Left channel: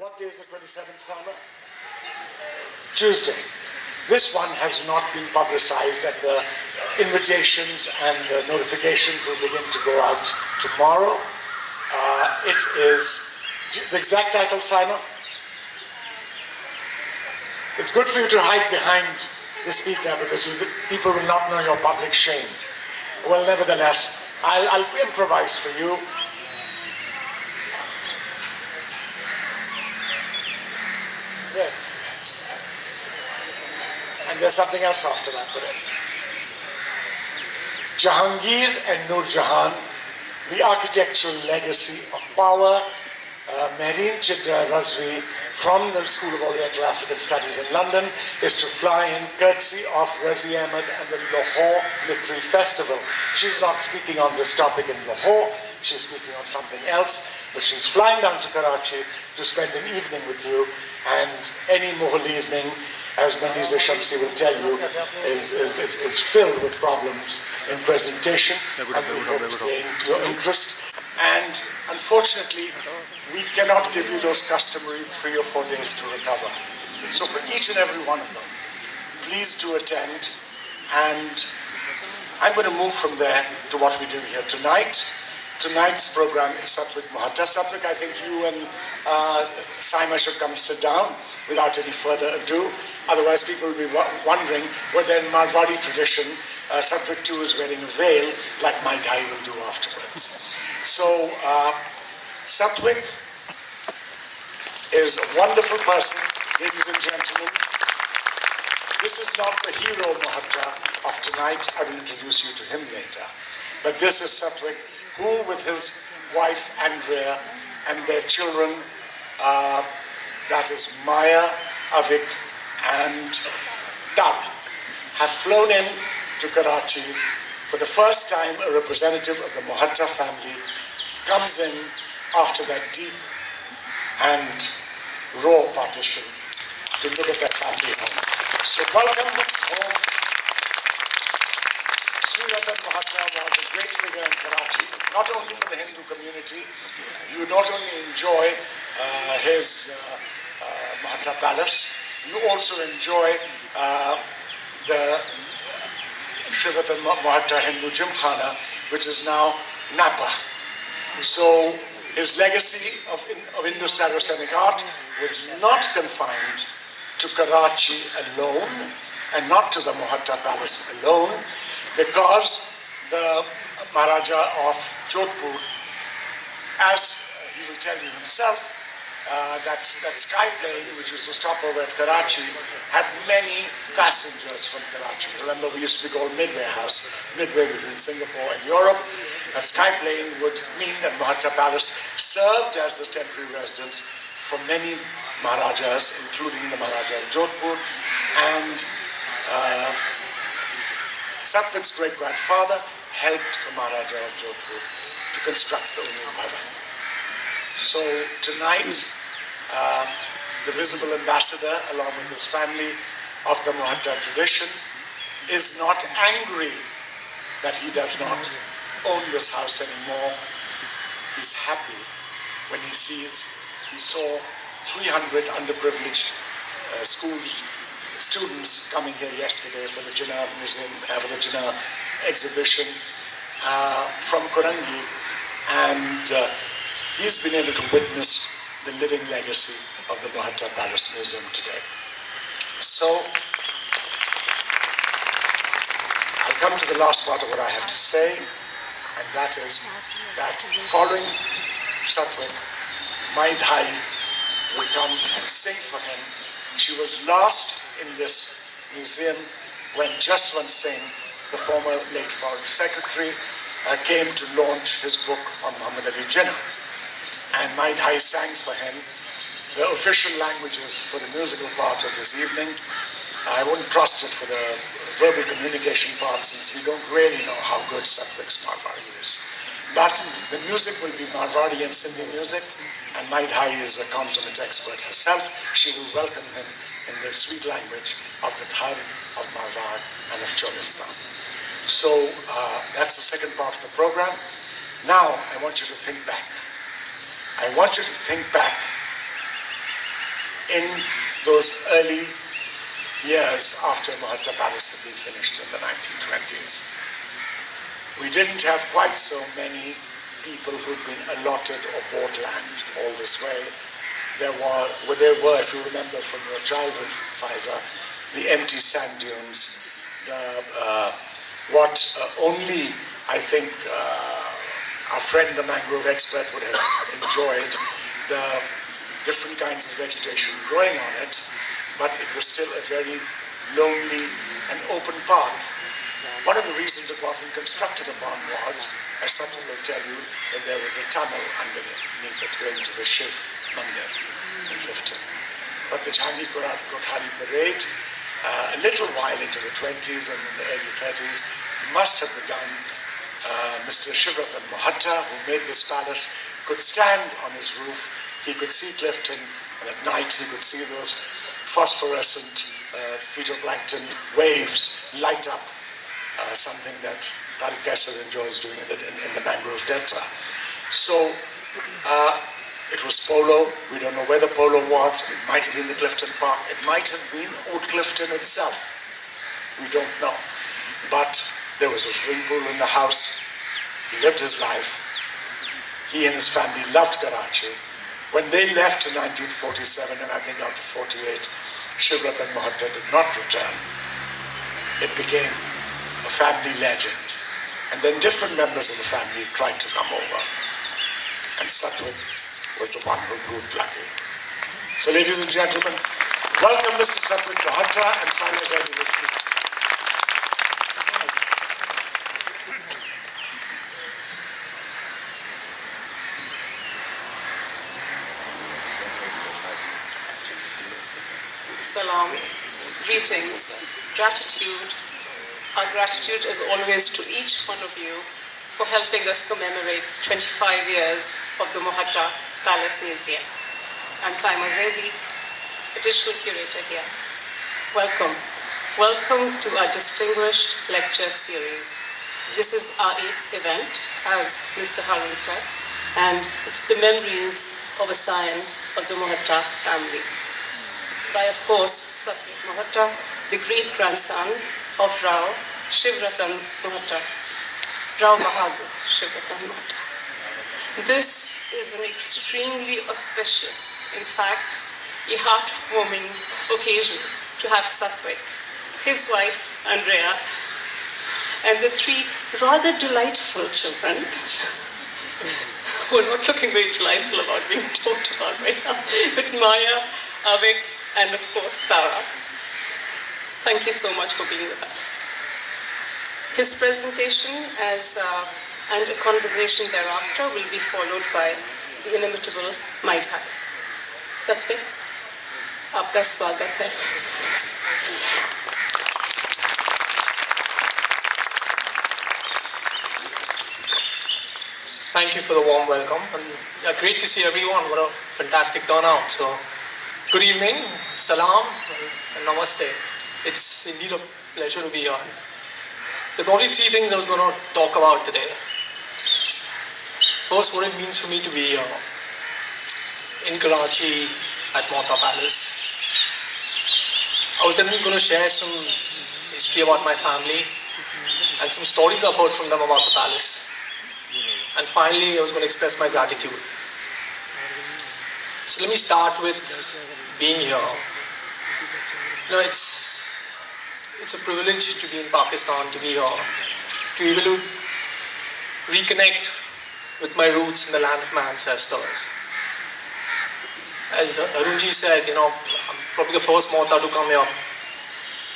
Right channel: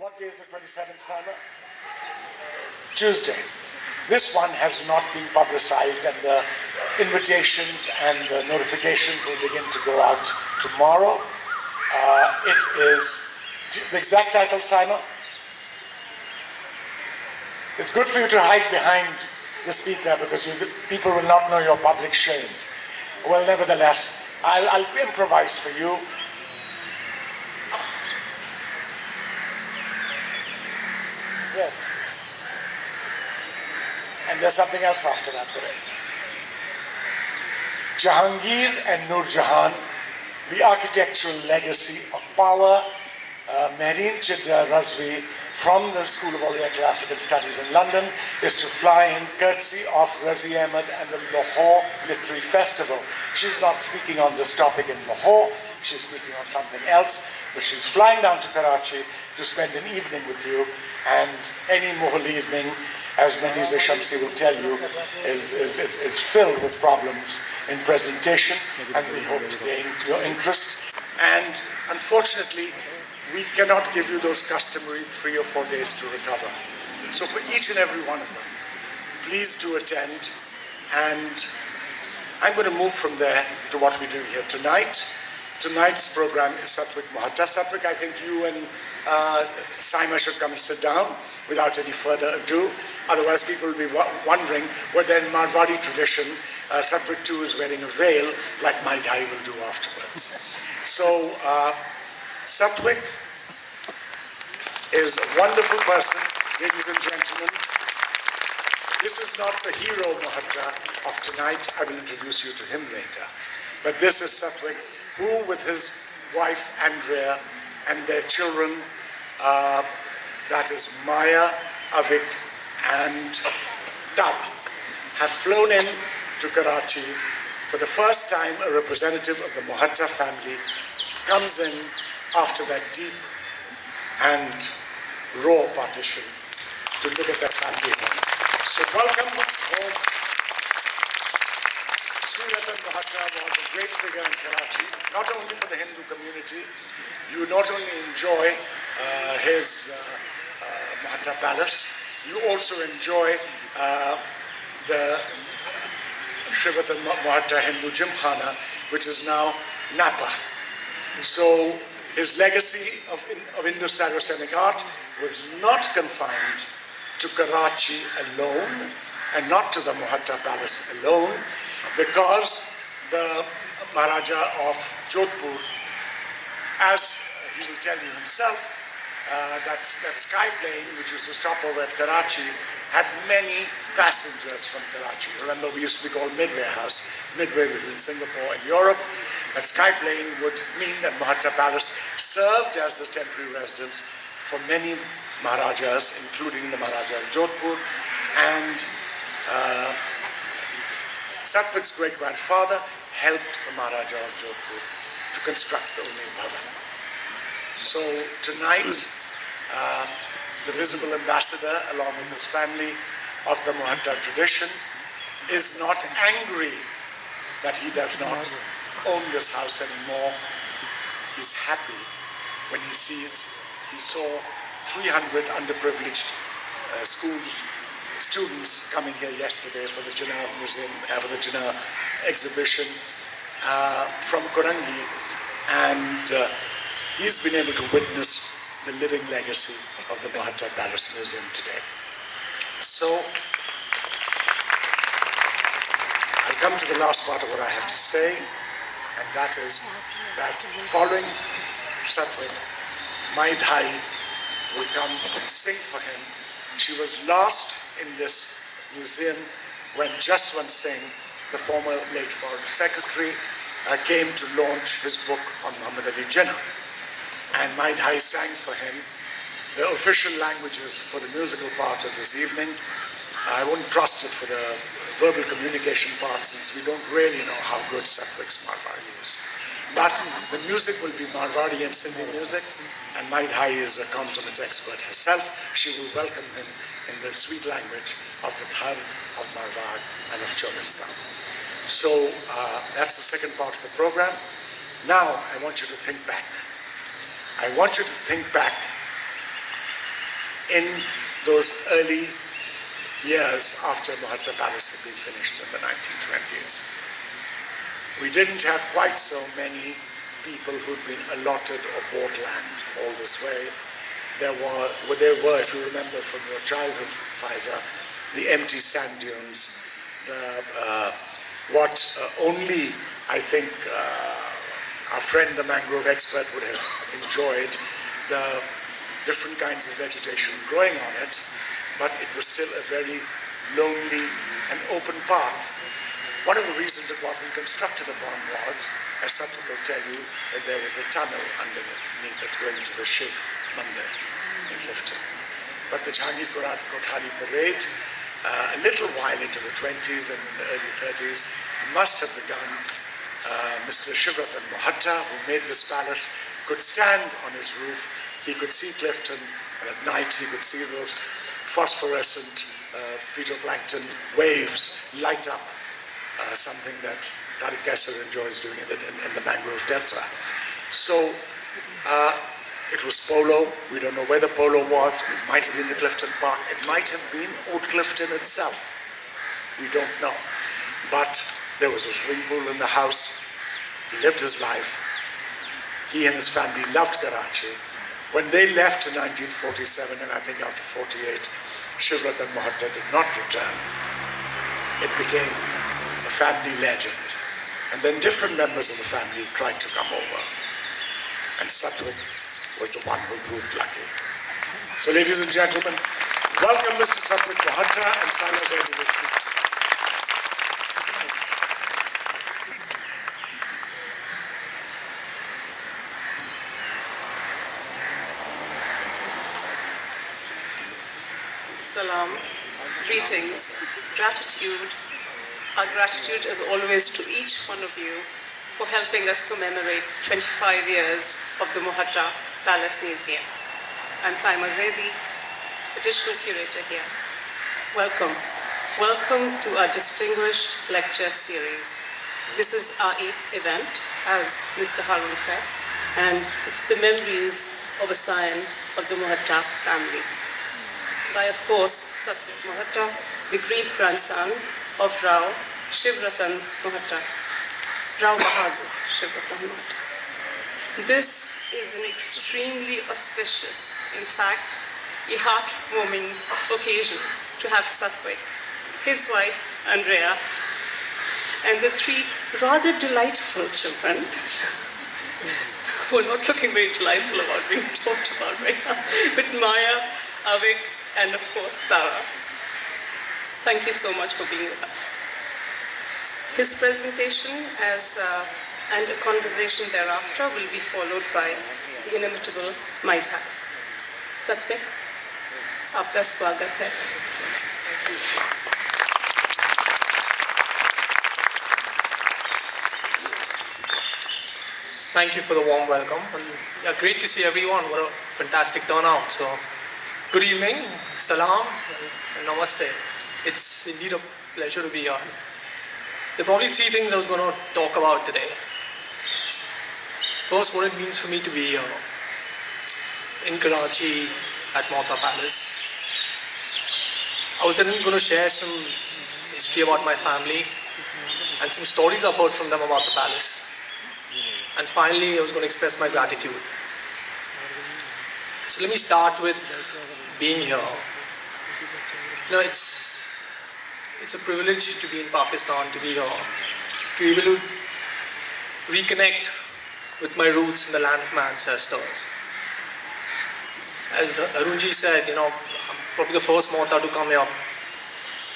What day is the 27th, Simon? Tuesday. This one has not been publicized, and the invitations and the notifications will begin to go out tomorrow. It is the exact title, Simon. It's good for you to hide behind the speaker because people will not know your public shame. Well, nevertheless, I'll improvise for you. Yes. And there's something else after that, correct? Jahangir and Nur Jahan, the architectural legacy of power. Mehreen Chidra Razvi from the School of Oriental African Studies in London is to fly in courtesy of Razi Ahmed and the Lahore Literary Festival. She's not speaking on this topic in Lahore, she's speaking on something else, but she's flying down to Karachi to spend an evening with you, and any Mughal evening, as Namiza Shamsi will tell you, is filled with problems in presentation, and we hope to gain your interest. And unfortunately, we cannot give you those customary 3 or 4 days to recover. So for each and every one of them, please do attend. And I'm going to move from there to what we do here tonight. Tonight's program is Satvik Mohatta. Satvik, I think you and Saima should come sit down without any further ado. Otherwise, people will be wondering whether in Marwari tradition, Satvik too is wearing a veil like Mai Dhai will do afterwards. So, Satvik is a wonderful person, ladies and gentlemen. This is not the hero Mohatta of tonight. I will introduce you to him later. But this is Satvik, who with his wife Andrea and their children, that is Maya, Avik and Tab, have flown in to Karachi. For the first time, a representative of the Mohatta family comes in after that deep and raw partition to look at their family home. So welcome home. Sri Ratan Mohatta was a great figure in Karachi, not only for the Hindu community. You not only enjoy his Mohatta Palace, you also enjoy the Sri Ratan Mohatta Hindu Gymkhana, which is now Napa. So his legacy of Indo-Saracenic art was not confined to Karachi alone and not to the Mohatta Palace alone, because the Maharaja of Jodhpur, as he will tell you himself, that sky plane which used to stop over at Karachi had many passengers from Karachi. Remember, we used to be called Midway House, midway between Singapore and Europe. That sky plane would mean that Mohatta Palace served as a temporary residence for many Maharajas, including the Maharaja of Jodhpur, and Satvik's great-grandfather helped the Maharaja of Jodhpur to construct the Uni Bhavan. So tonight, the visible ambassador, along with his family of the Mohatta tradition, is not angry that he does not own this house anymore. He's happy when he saw 300 underprivileged students coming here yesterday for the Jinnah Museum, for the Jinnah exhibition from Korangi, and he's been able to witness the living legacy of the Mohatta Palace Museum today. So, I come to the last part of what I have to say, and that is that following Satvik, Mai Dhai will come and sing for him. She was last in this museum when Jaswant Singh, the former late Foreign Secretary, came to launch his book on Muhammad Ali Jinnah. And Mai Dhai sang for him. The official languages for the musical part of this evening, I wouldn't trust it for the verbal communication part, since we don't really know how good Satvik's Marwari is. But the music will be Marwari and Sindhi music, and Mai Dhai is a consummate expert herself. She will welcome him in the sweet language of the Thar, of Marwar, and of Cholistan. So that's the second part of the program. Now I want you to think back. I want you to think back in those early years after Mohatta Palace had been finished in the 1920s. We didn't have quite so many people who'd been allotted or bought land all this way. There were, if you remember from your childhood, Faiza, the empty sand dunes, what only, I think, our friend the mangrove expert would have enjoyed, the different kinds of vegetation growing on it, but it was still a very lonely and open path. One of the reasons it wasn't constructed upon was, as Satvik will tell you, that there was a tunnel underneath it going to the Shiv Mandir in Clifton. But the Jhangi Kothari parade, a little while into the 20s and in the early 30s, must have begun. Mr. Satvik Mohatta, who made this palace, could stand on his roof. He could see Clifton, and at night he could see those phosphorescent phytoplankton waves light up, something that Tariq Kassar enjoys doing in the mangrove delta. So it was polo. We don't know where the polo was. It might have been the Clifton Park. It might have been Old Clifton itself. We don't know. But there was a swimming pool in the house. He lived his life. He and his family loved Karachi. When they left in 1947, and I think after 48, Satvik Mohatta did not return. It became a family legend. And then different members of the family tried to come over. And Satvik was the one who proved lucky. So ladies and gentlemen, welcome Mr. Satvik Mohatta and Saina Zaidi will speak. Salam, greetings, gratitude. Our gratitude is always to each one of you for helping us commemorate 25 years of the Mohatta Palace Museum. I'm Saima Zaidi, additional curator here. Welcome. Welcome to our distinguished lecture series. This is our 8th event, as Mr. Harun said, and it's the memories of a Scion of the Mohatta family. By, of course, Satvik Mohatta, the great-grandson of Rao Shivratan Mohatta, Rao Bahadur Shivratan Mohatta. This is an extremely auspicious, in fact, a heart-warming occasion to have Satvik, his wife Andrea, and the 3 rather delightful children who are not looking very delightful about being talked about right now, but Maya, Avik, and of course, Tara. Thank you so much for being with us. His presentation and a conversation thereafter will be followed by the inimitable Mai Dhai. Satvik, aapka swagat hai. Thank you for the warm welcome. And great to see everyone. What a fantastic turnout. So, good evening, salam, and namaste. It's indeed a pleasure to be here. There are probably 3 things I was going to talk about today. First, what it means for me to be here in Karachi at Mohatta Palace. I was then going to share some history about my family and some stories I've heard from them about the palace. And finally, I was going to express my gratitude. So let me start with being here. You know, it's a privilege to be in Pakistan, to be here, to be able to reconnect with my roots in the land of my ancestors. As Arunji said, you know, I'm probably the first Mohatta to come here.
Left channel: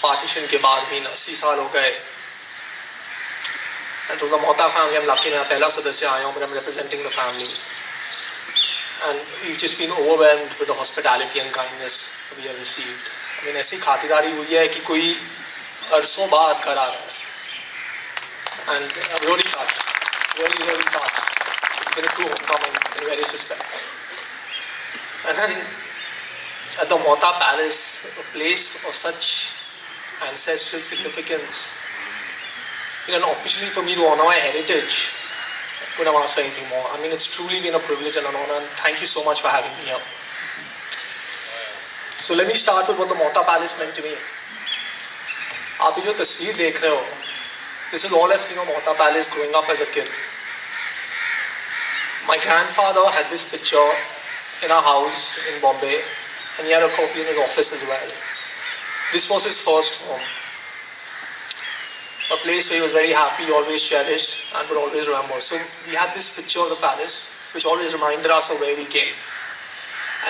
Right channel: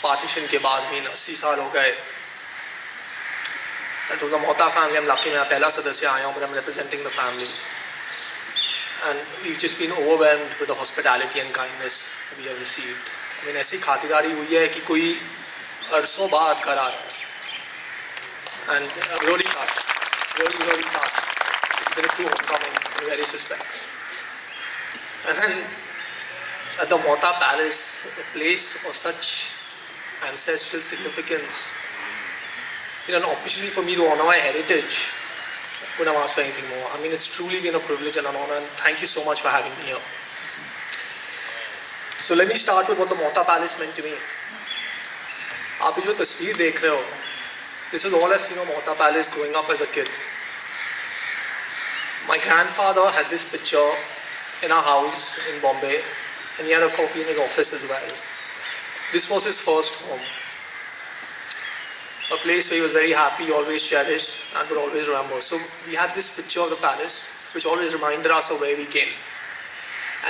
Partition ke baad, 80 saal ho gaye. And from the Mohatta family, I'm lucky that I'm the first member, but I'm representing the family. And we've just been overwhelmed with the hospitality and kindness that we have received. I mean, ऐसी खातिरदारी हुई है कि कोई अरसों बाद घर आ रहा है. And I'm really touched, really touched. It's been a true homecoming in various respects. And then at the Mohatta Palace, a place of such ancestral significance, an opportunity for me to honor my heritage. I couldn't have asked for anything more. I mean, it's truly been a privilege and an honor, and thank you so much for having me here. So let me start with what the Mohatta Palace meant to me. आप जो तस्वीर देख रहे हो, this is all I've seen of Mohatta Palace growing up as a kid. My grandfather had this picture in our house in Bombay, and he had a copy in his office as well. This was his first home. A place where he was very happy, always cherished, and would always remember. So we had this picture of the palace, which always reminded us of where we came.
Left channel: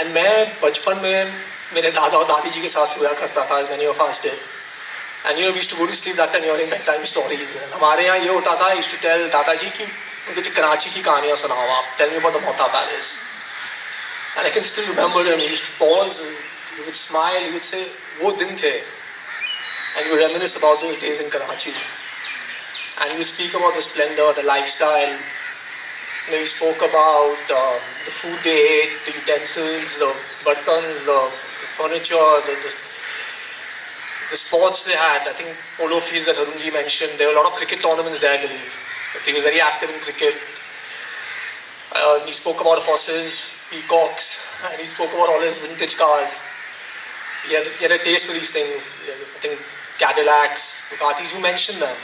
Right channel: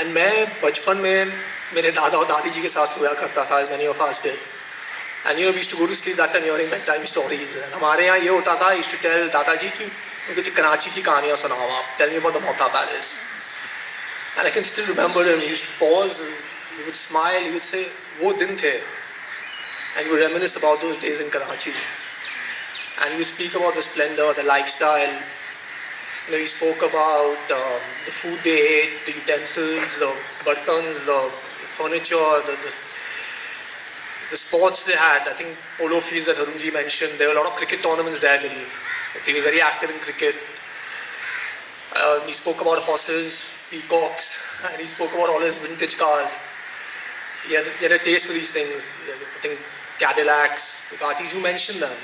And मैं बचपन में मेरे दादा और दादी जी के साथ सोया करता था, as many of us did. And we used to go to sleep that time hearing bedtime stories. And हमारे यहाँ ये होता था, I used to tell दादाजी कि उनके कराची की कहानियाँ सुनाओ आप. Tell me about the Mohatta Palace. And I can still remember him. He used to pause, he would smile, he would say, वो दिन थे. And he would reminisce about those days in Karachi. And he would speak about the splendor, the lifestyle. He spoke about the food they ate, the utensils, the bartans, the furniture, the sports they had. I think polo fields that Harunji mentioned. There were a lot of cricket tournaments there, I believe. He was very active in cricket. He spoke about horses, peacocks, and he spoke about all his vintage cars. He had a taste for these things. I think Cadillacs, Ducatis, you mentioned them,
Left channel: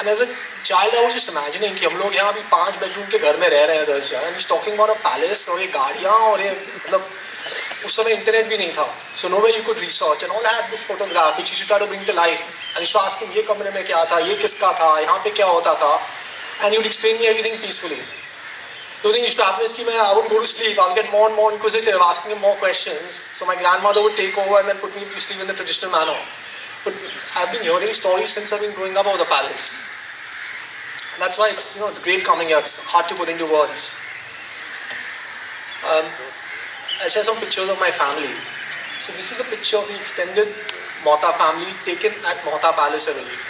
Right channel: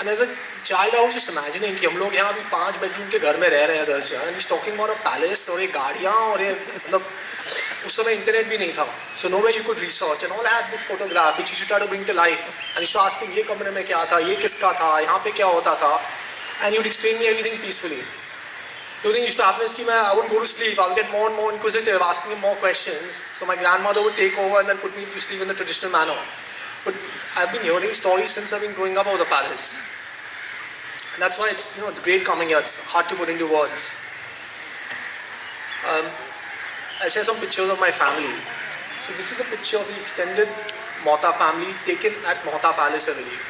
And as a child, I was just imagining कि हम लोग यहाँ अभी 5 bedroom के घर में रह रहे हैं 10 जन. And he's talking about a palace और ये गाड़ियाँ और ये मतलब उस समय internet भी नहीं था. So nowhere you could research. And all I had this photograph which you should try to bring to life. And used to ask him ये कमरे में क्या था, ये किसका था, यहाँ पे क्या होता था. And he would explain me everything peacefully. The only thing used to happen is that I wouldn't go to sleep. I would get more and more inquisitive, asking him more questions. So my grandmother would take over and then put me to sleep in the traditional manner. But I've been hearing stories since I've been growing up about the palace. And that's why it's great coming here. It's hard to put into words. I'll share some pictures of my family. So this is a picture of the extended Mohatta family taken at Mohatta Palace, I believe.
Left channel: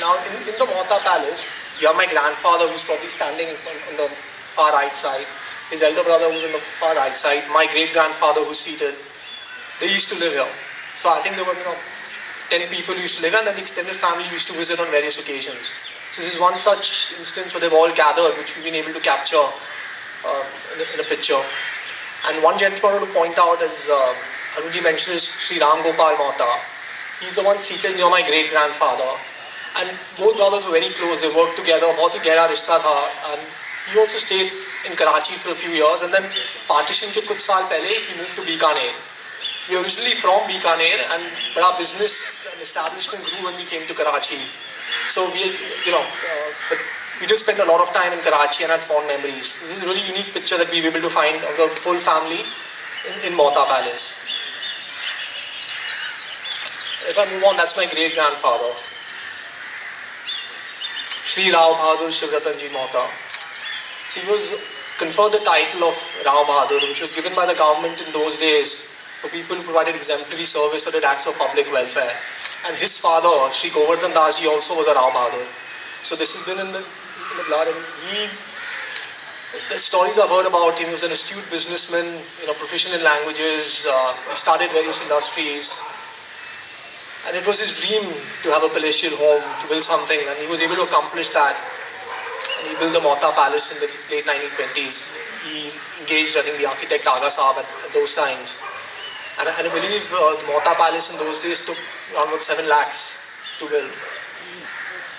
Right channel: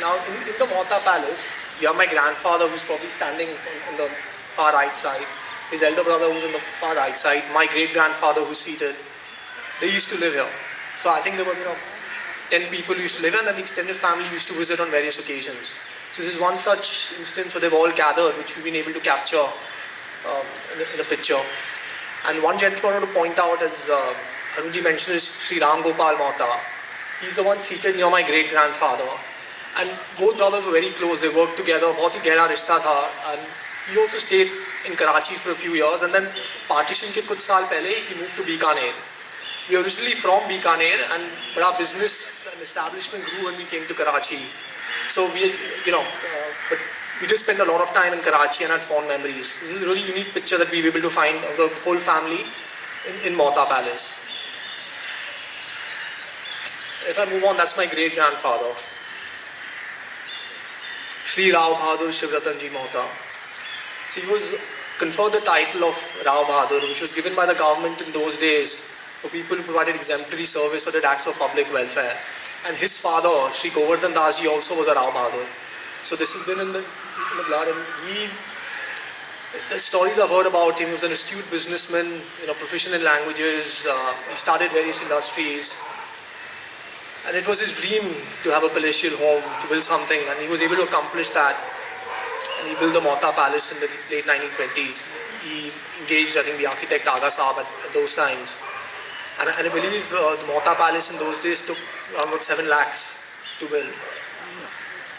Now in the Mohatta Palace, you have my grandfather who's probably standing on the far right side. His elder brother who's on the far right side. My great-grandfather who's seated. They used to live here. So I think there were 10 people who used to live here, and then the extended family used to visit on various occasions. So this is one such instance where they've all gathered, which we've been able to capture in a picture. And one gentleman I want to point out, as Arunji mentioned, is Sri Ram Gopal Mohatta. He's the one seated near my great-grandfather. And both brothers were very close. They worked together. बहुत ही गहरा रिश्ता था. And he also stayed in Karachi for a few years, and then partition के कुछ साल पहले he moved to Bikaner. We are originally from Bikaner, and our business and establishment grew when we came to Karachi. So we did spend a lot of time in Karachi and had fond memories. This is a really unique picture that we were able to find of the whole family in Mohatta Palace. If I move on, that's my great-grandfather, Sri Rao Bahadur Shivratanji Mohatta. So he was conferred the title of Rao Bahadur, which was given by the government in those days for people who provided exemplary service or did acts of public welfare. And his father, Sri Govardhan Das ji, also was a Rao Bahadur. So this has been in the blood, and the stories I've heard about him, he was an astute businessman, proficient in languages, he started various industries. And it was his dream to have a palatial home, to build something, and he was able to accomplish that. And he built the Mohatta Palace in the late 1920s. He engaged, I think, the architect Aga Saab at those times. And I believe the Mohatta Palace in those days took around about 7 lakhs to build.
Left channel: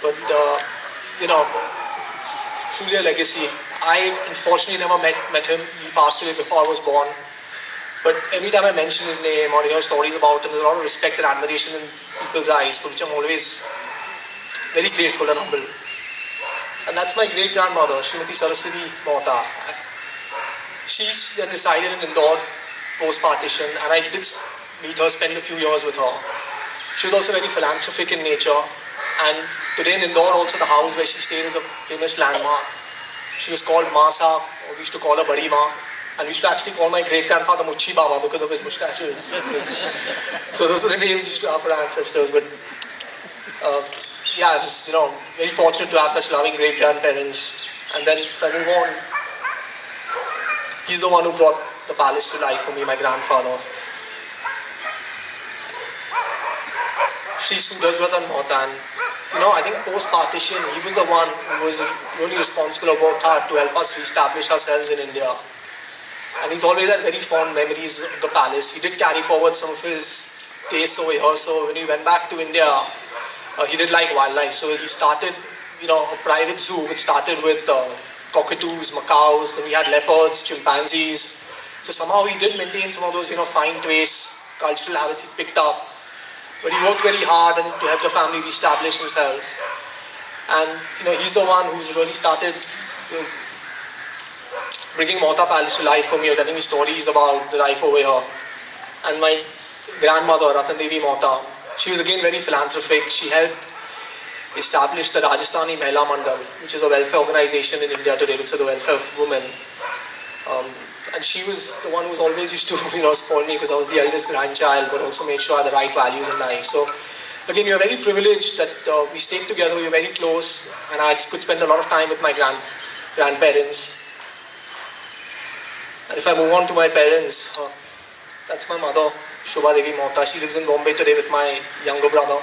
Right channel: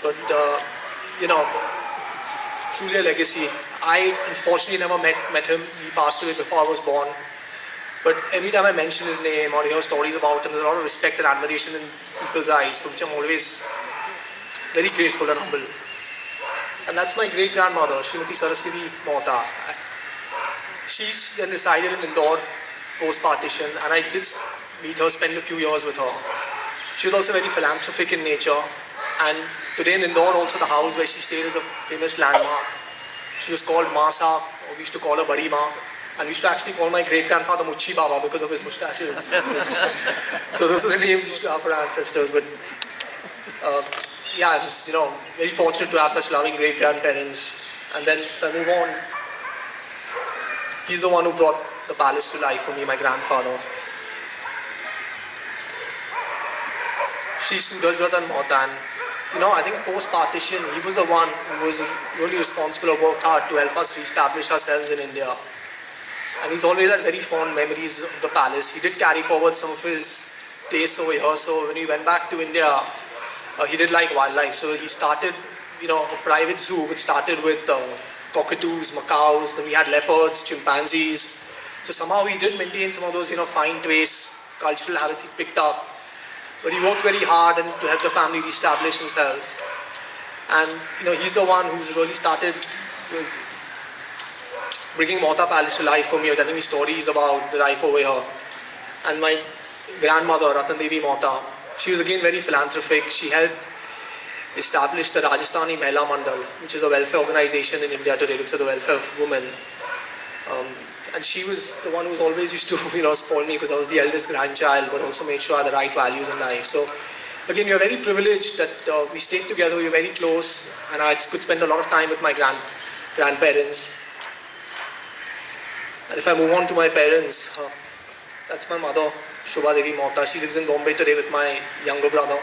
But, it's truly a legacy. I unfortunately never met him. He passed away before I was born. But every time I mention his name or hear stories about him, there's a lot of respect and admiration in people's eyes, for which I'm always very grateful and humble. And that's my great-grandmother, Srimati Saraswati Mohatta. She's then resided in Indore post-partition, and I did meet her, spend a few years with her. She was also very philanthropic in nature, and today in Indore also the house where she stayed is a famous landmark. She was called Masa, or we used to call her Badi Ma. And we used to actually call my great-grandfather Muchi Baba because of his moustaches. So those are the names we used to have for our ancestors. But I was very fortunate to have such loving great-grandparents. And then if I move on, he's the one who brought the palace to life for me, my grandfather. Sri Surajratan Mohatta. I think post-partition, he was the one who was really responsible or worked hard to help us re-establish ourselves in India. And he's always had very fond memories of the palace. He did carry forward some of his tastes over here. So when he went back to India, he did like wildlife. So he started, a private zoo which started with cockatoos, macaws. Then we had leopards, chimpanzees. So somehow he did maintain some of those, fine tastes, cultural habits he picked up. But he worked very hard and to help the family reestablish themselves. And he's the one who's really started bringing Mohatta Palace to life for me, or telling me stories about the life over here. And my grandmother, Ratan Devi Mohatta, she was again very philanthropic. She helped establish the Rajasthani Mahila Mandal, which is a welfare organization in India today, looks at the welfare of women. And she was the one who always used to, spoil me because I was the eldest grandchild, but also made sure I had the right values in life. So again, we are very privileged that we stayed together, we were very close, and I could spend a lot of time with my grandparents. And if I move on to my parents, that's my mother, Shobha Devi Mohatta. She lives in Bombay today with my younger brother.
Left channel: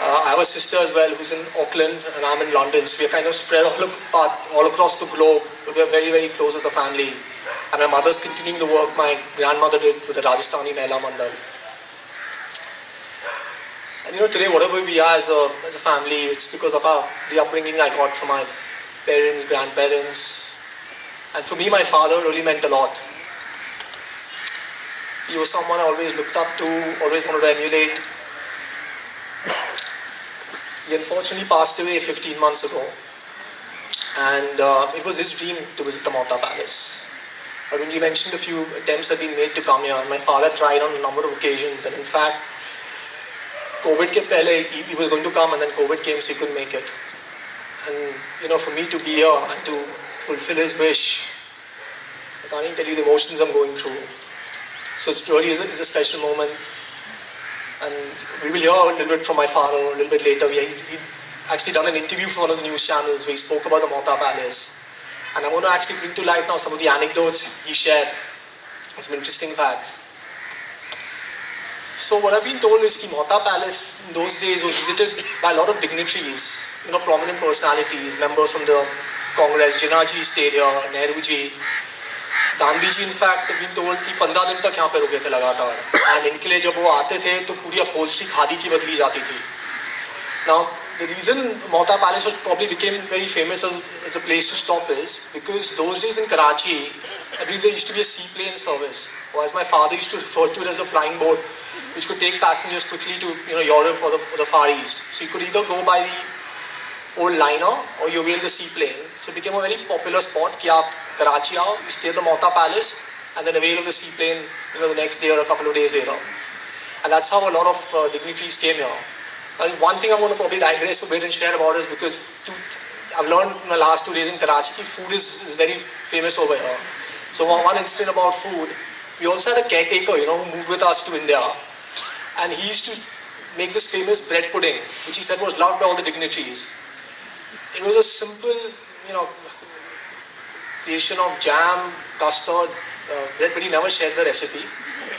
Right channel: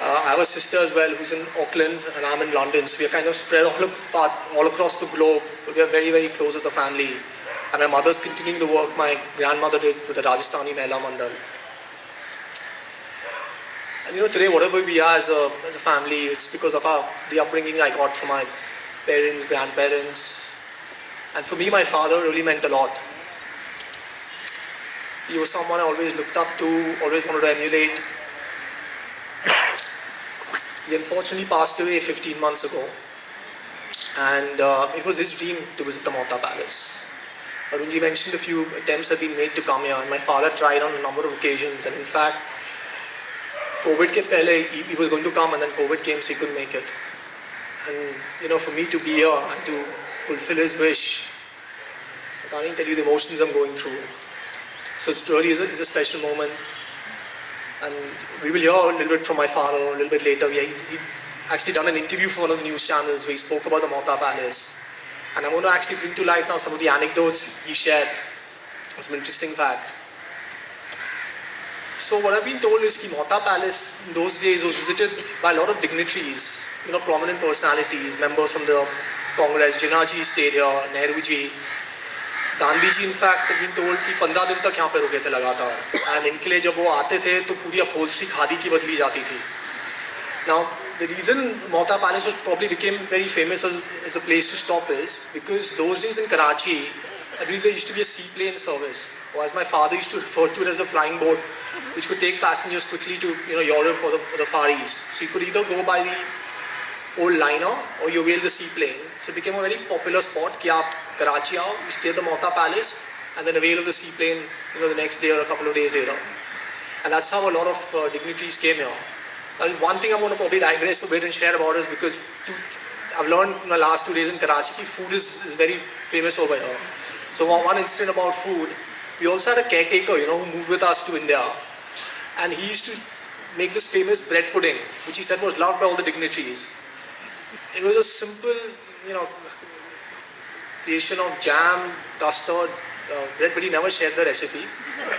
I have a sister as well who's in Auckland, and I'm in London. So we are kind of spread all across the globe, but we are very, very close as a family. And my mother's continuing the work my grandmother did with the Rajasthani Mahila Mandal. And today whatever we are as a family, it's because of the upbringing I got from my parents, grandparents. And for me, my father really meant a lot. He was someone I always looked up to, always wanted to emulate. He unfortunately passed away 15 months ago. And it was his dream to visit the Mohatta Palace. Arunji mentioned a few attempts had been made to come here, and my father tried on a number of occasions. And in fact, COVID ke pehle, he was going to come, and then COVID came, so he couldn't make it. And for me to be here and to fulfill his wish, I can't even tell you the emotions I'm going through. So it really is a special moment. And we will hear a little bit from my father a little bit later. He actually done an interview for one of the news channels where he spoke about the Mohatta Palace. And I'm going to actually bring to life now some of the anecdotes he shared and some interesting facts. So what I've been told is that Mohatta Palace in those days was visited by a lot of dignitaries, prominent personalities, members from the Congress. Jinnah ji stayed here, Nehru ji. Gandhi ji in fact have been told कि 15 दिन तक यहाँ पे रुके थे लगातार. And इनके लिए जब वो आते थे तो पूरी upholstery खादी की बदली जाती थी. Now the reason Mohatta Palace probably became very famous as a place to stop is because those days in Karachi, I believe there used to be a seaplane service, or as my father used to refer to it as a flying boat, which could take passengers quickly to Europe or the Far East. So you could either go by the old liner or you avail the seaplane. So it became a very popular spot कि आप Karachi आओ, you stay at the Mohatta Palace and then avail of the seaplane the next day or a couple of days later. And that's how a lot of dignitaries came here. And one thing I'm going to probably digress a bit and share about is because I've learned in the last 2 days in Karachi food is very famous over here. So one incident about food, we also had a caretaker who moved with us to India, and he used to make this famous bread pudding which he said was loved by all the dignitaries. It was a simple creation of jam, custard, bread, but he never shared the recipe.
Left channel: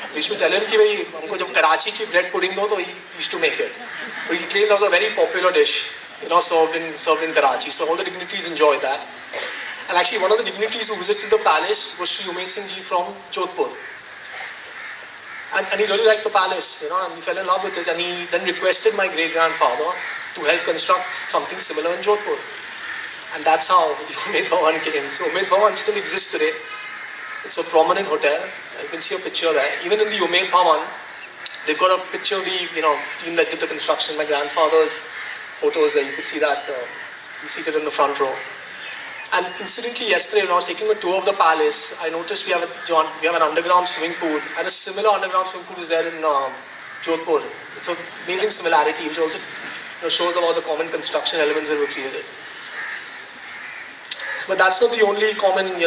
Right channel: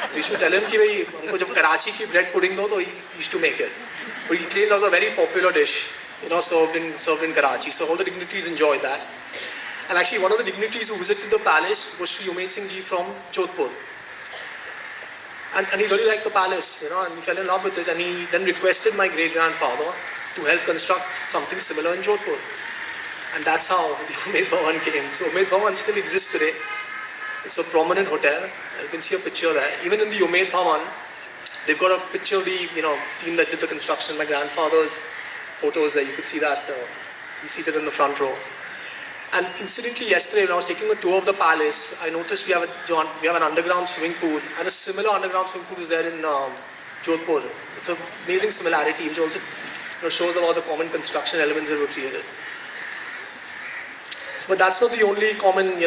We used to tell him कि भाई हमको जब कराची की bread pudding दो तो he used to make it. But he claimed that was a very popular dish, served in Karachi. So all the dignitaries enjoyed that. And actually one of the dignitaries who visited the palace was Shri Umed Singh ji from Jodhpur. And he really liked the palace, and he fell in love with it. And he then requested my great-grandfather to help construct something similar in Jodhpur. And that's how the Umed Bhawan came. So Umed Bhawan still exists today. It's a prominent hotel. You can see a picture there. Even in the Umed Bhawan, they've got a picture of the team that did the construction. My grandfather's photos there. You could see that he's seated in the front row. And incidentally, yesterday when I was taking a tour of the palace, I noticed we have an underground swimming pool, and a similar underground swimming pool is there in Jodhpur. It's an amazing similarity, which also shows about the common construction elements that were created. But that's not the only common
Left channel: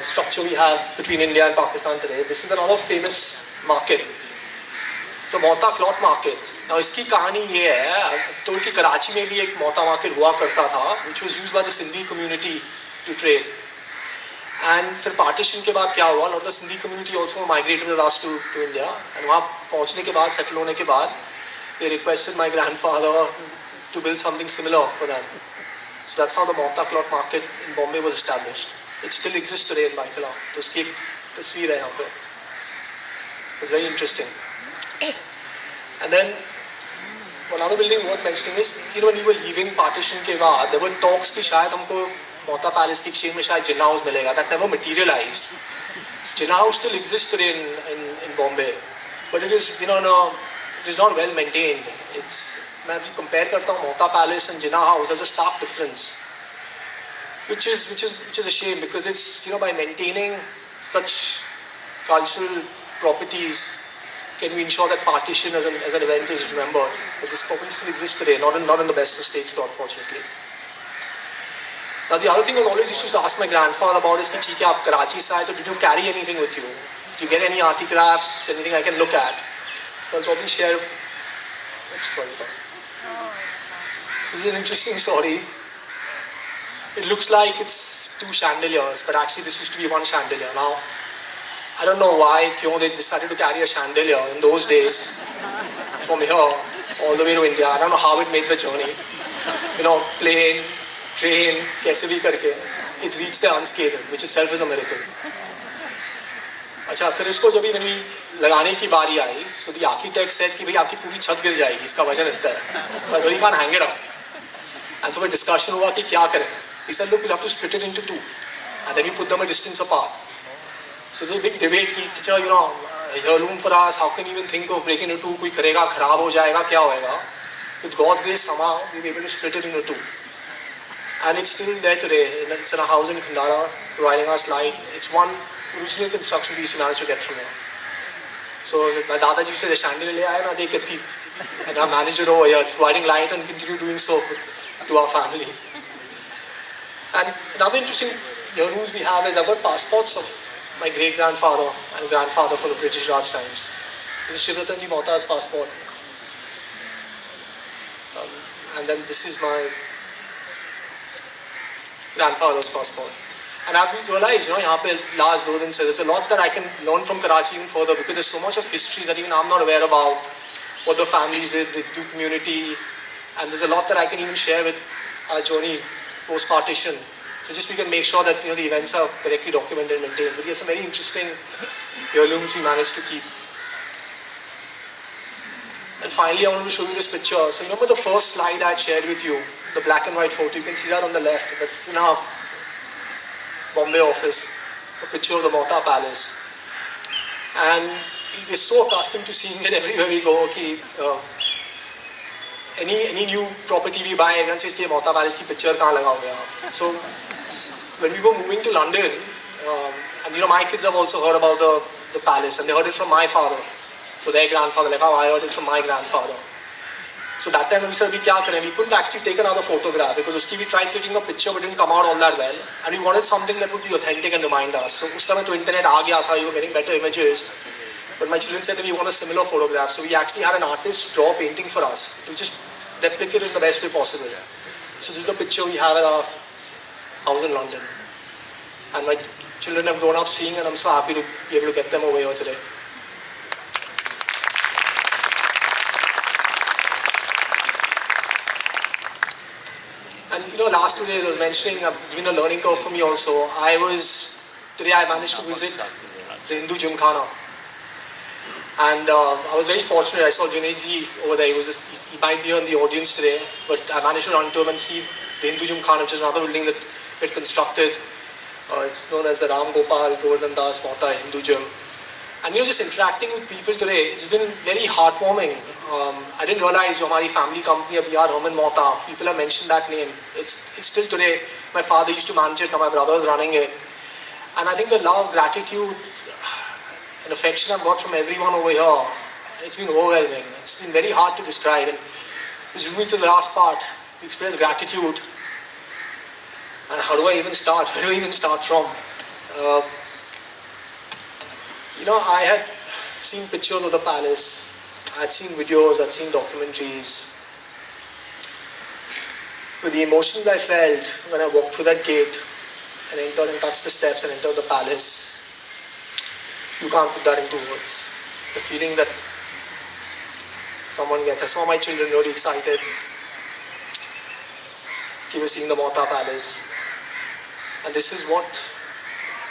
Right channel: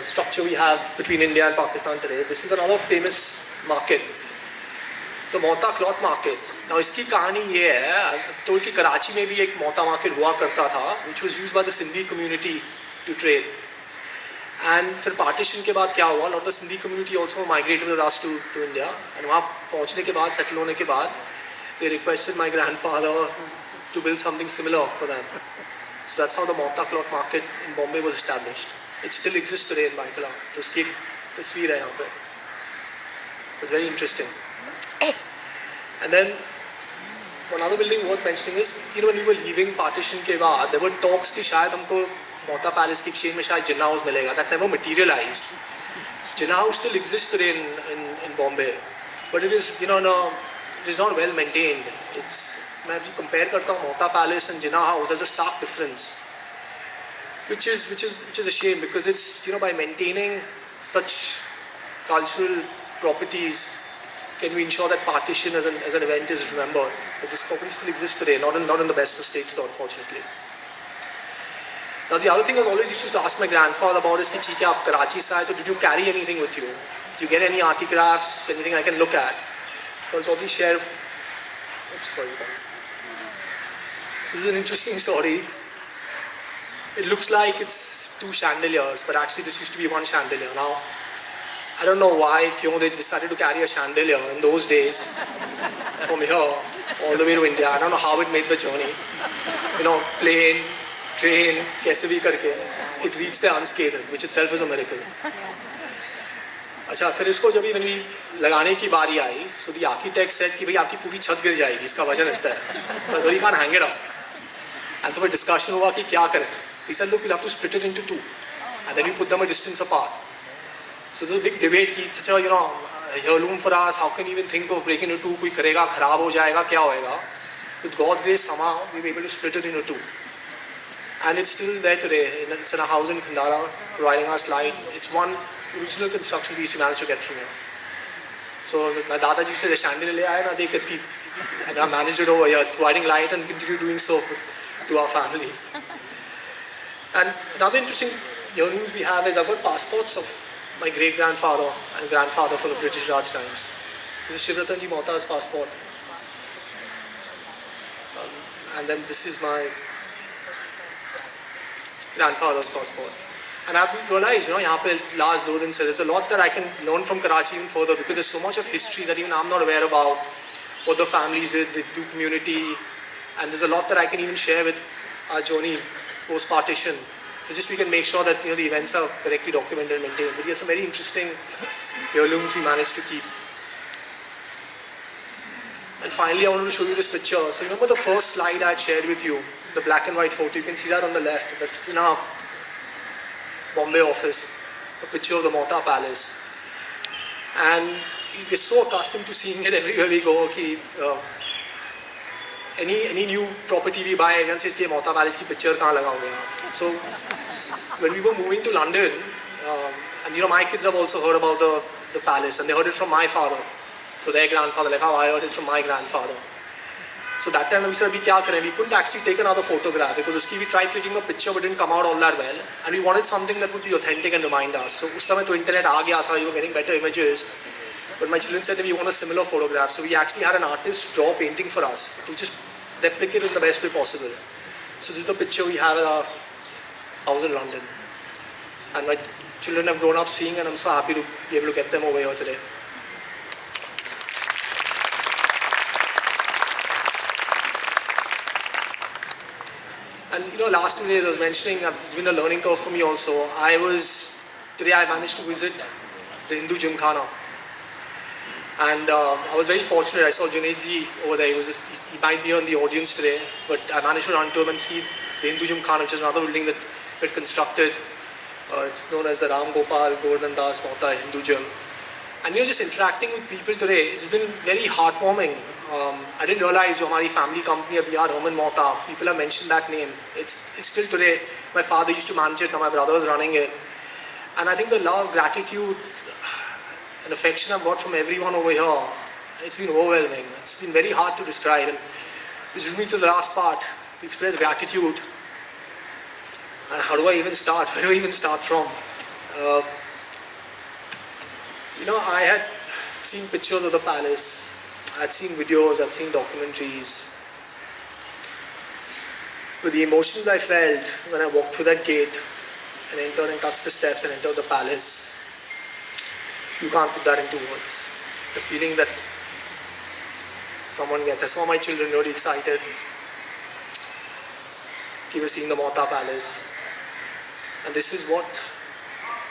structure we have between India and Pakistan today. This is another famous market. It's a Mohatta cloth market. Now इसकी कहानी ये है, I've told कि कराची में भी एक Mohatta market हुआ करता था, which was used by the Sindhi community to trade. And फिर partition के बाद क्या हुआ? A lot of the Sindhi community also migrated with us to India. And वहाँ पहुँचने के बाद, settle होने के बाद, they requested my grandfather to build something similar for them. So that's how the Mohatta cloth market in Bombay was established. it still exists today in Baikala. तो उसकी तस्वीर है यहाँ पे. It's very interesting. And then another building worth mentioning is, when we were leaving partition के बाद, there were talks कि शायद हमको Mohatta Palace की exchange में शायद Jinnah House मिलेगा. That never materialized. Jinnah House still exists today in Bombay, but it is, it is not well maintained. मैं अभी compare करता हूँ Mohatta Palace and Jinnah House, there's a stark difference, which is a shame, because it's, by maintaining such cultural properties, can we ensure that partition as an event is remembered. But this property still exists today, not in the best of states, though, unfortunately. Now the other thing I always used to ask my grandfather about is, "Theek hai, aap Karachi se aaye, so did you carry anything with you? Did you get any artifacts, anything I can look at?" So I'll probably share. Oops, sorry. This is an interesting story. It looks like it's 2 chandeliers, but actually this used to be 1 chandelier. Now, I don't know why they decided to carry a chandelier in those days from here all the way to India. I don't know how it made the journey. Plane, train, kaise bhi karke, it reached there unscathed, which itself is a miracle. अच्छा, फिर इसको जब भी लगाने की बारी आई, so the architect said कि भाई आपकी पूरी छत गिर जाएगी, इसका वजन इतना है, but we can't hang it up. And so a discussion हुआ कि क्या करें. So he said, "Look, we'll have to split it into 2, and then we put them a distance apart." So there's a big debate कि heirloom for us, how can you even think of breaking into 2? कोई करेगा, खराब हो जाएगा, क्या होएगा? With God's grace, somehow we were able to split it into 2. And it's still there today. It's in a house in Khandara, providing us light. It's one original construction piece we managed to get from here. So my Dadaji said, "The chandelier le aaya na, dekh ke teep." And I managed it over here. It's providing light and continue doing so to our family. And another interesting heirlooms we have is I've got passports of my great-grandfather and grandfather from the British Raj times. This is Shivratanji Mohatta's passport. And then this is my grandfather's passport. And I've realized, यहाँ पे last 2 दिन से, there's a lot that I can learn from Karachi even further, because there's so much of history that even I'm not aware about, what the families did, the community, and there's a lot that I can even share with our journey post-partition. So just we can make sure that the events are correctly documented and maintained. But there's some very interesting heirlooms we managed to keep. And finally, I wanted to show you this picture. So remember the first slide I had shared with you, the black and white photo. You can see that on the left. That's in our Bombay office, a picture of the Mohatta Palace. And we're so accustomed to seeing it everywhere we go. Any new property we buy, everyone says, Mohatta Palace ki picture kahan lagaoge aap? So when we were moving to London, and my kids have also heard about the palace, and they heard it from my father. So their grandfather, like how I heard it from my grandfather. So that time we said, we couldn't actually take another photograph, because we tried taking a picture but didn't come out all that well. And we wanted something that would be authentic and remind us. So us time to internet aa gaya tha, you were getting better images. But my children said that we want a similar photograph. So we actually had an artist draw a painting for us to just replicate it in the best way possible. So this is the picture we have at our house in London. And my children have grown up seeing, and I'm so happy to be able to get them over here today. And last 2 days I was mentioning, it's been a learning curve for me also. Today I managed to visit the Hindu Gymkhana. And I was very fortunate. I saw Junaidji over there. He might be here in the audience today, but I managed to run to him and see the Hindu Gymkhana, which is another building that we had constructed. It's known as the Ram Gopal Govardhan Das Mohatta Hindu Gym. And just interacting with people today, it's been very heartwarming. I didn't realize our family company, B.R. Herman Mohatta, people have mentioned that name. It's still today. My father used to manage it, now my brother is running it. And I think the love, gratitude, and affection I've got from everyone over here, it's been overwhelming. It's been very hard to describe. And which brings me to the last part, to express gratitude. And how do I even start? Where do I even start from? I had seen pictures of the palace. I had seen videos, I'd seen documentaries. But the emotions I felt when I walked through that gate and entered and touched the steps and entered the palace, you can't put that into words. The feeling that someone gets. I saw my children really excited. They were seeing the Mohatta Palace. And this is what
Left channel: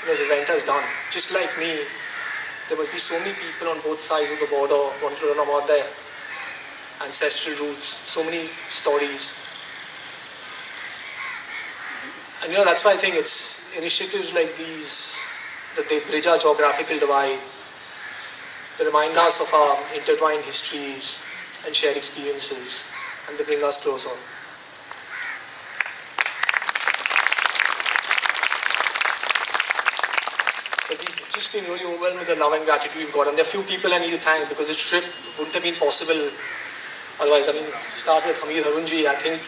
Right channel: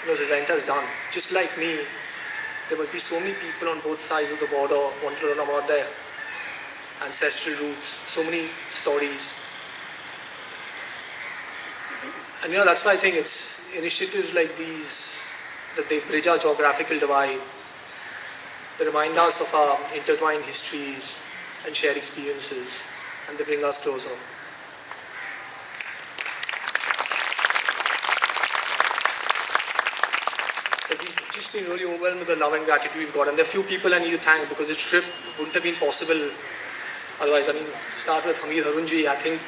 this event has done. Just like me, there must be so many people on both sides of the border want to learn about their ancestral roots, so many stories. And that's why I think it's initiatives like these, that they bridge our geographical divide, they remind us of our intertwined histories and shared experiences, and they bring us closer. So we've just been really overwhelmed with the love and gratitude we've got, and there are few people I need to thank because this trip wouldn't have been possible otherwise. I mean, start with Hamid Harunji. I think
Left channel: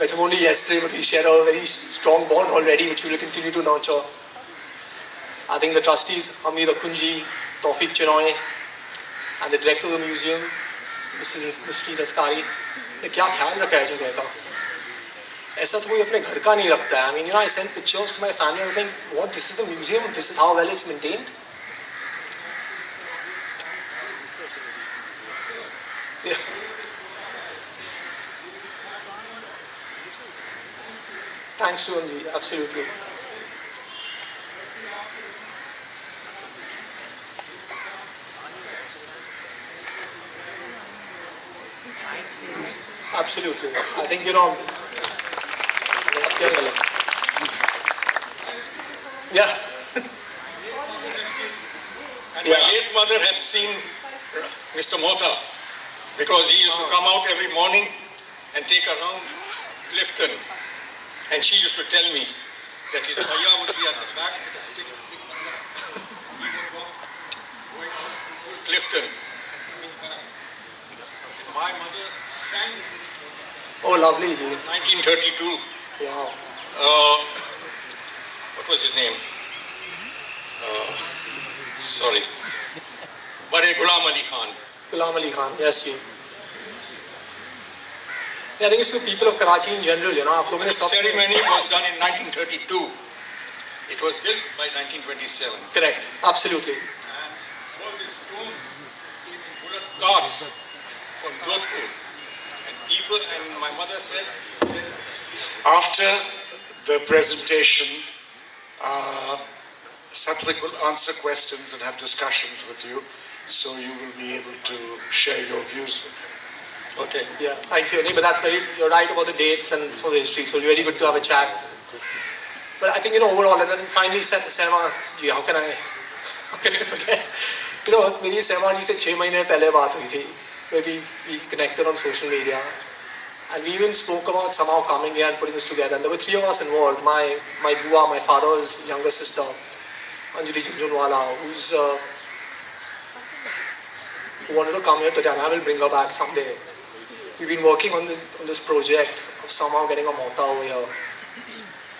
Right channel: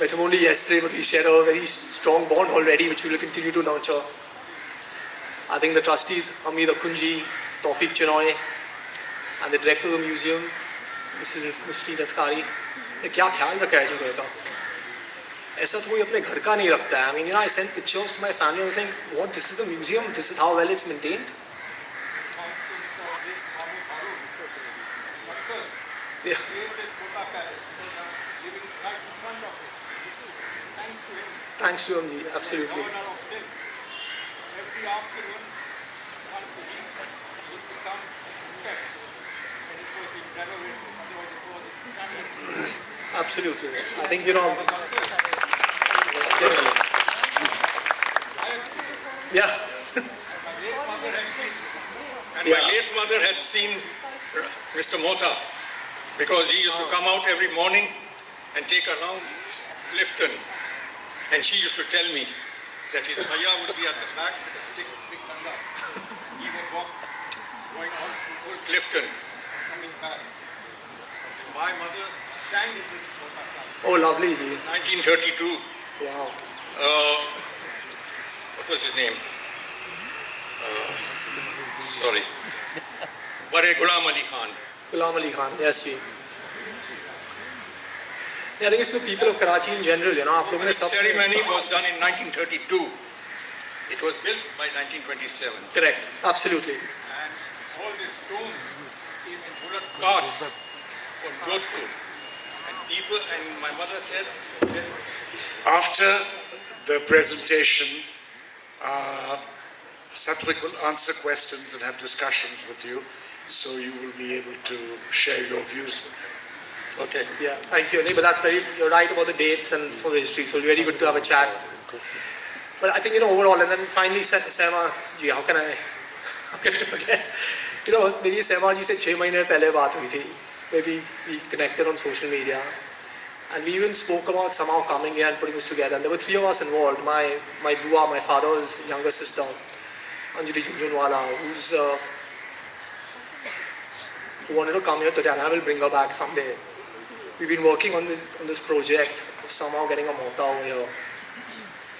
met him only yesterday, but we share a very strong bond already, which we will continue to nurture. I think the trustees, Hamid Akunji, Tawfiq Chinoy, and the director of the museum, Mr. Daskari, ने क्या ख्याल रखा है जी बेटा? ऐसा तो कोई अपने घर का नहीं रखता है. I mean, I sent pictures to my family. I was like, what? This is the museum. This is how well it's maintained. Yeah. Thanks to Anji, absolutely. Absolutely. I think, yeah. And my late mother had seen Mr. Mohatta because he used to come out every morning and take a round Clifton. And she used to tell me that his bhaiya would be at the back with a stick, big banga. He would walk going Clifton. My mother sang Oh, lovely, ji. 1932. Wow. What was his name? Sorry. Bare Ghulam Ali Khan. Ghulam Ali Khan, yes, ji. Yeah, I think it's the people of Karachi in general, The ceremony was done in 1932. It was built by 1927. Correct, absolutely. And all these stones in bullock carts from Jodhpur. And people, and my mother said, After the presentation, Satvik will answer questions and have discussions with you, so you will be able to share your views with him. okay. Yeah, thank you. But you're right about the dates and some of the history, so it's really good to have a chat. But I think, overall, and then finally, Sema ji, how can I forget? Maybe Sema ji se 6 months pehle baat hui thi, where we connected on social media. And we even spoke about somehow coming here and putting this together. And there were 3 of us involved. My bua, my father's younger sister, Anjali Junjunwala, who wanted to come here today, and I will bring her back someday. We've been working on this project of somehow getting a Mohatta over here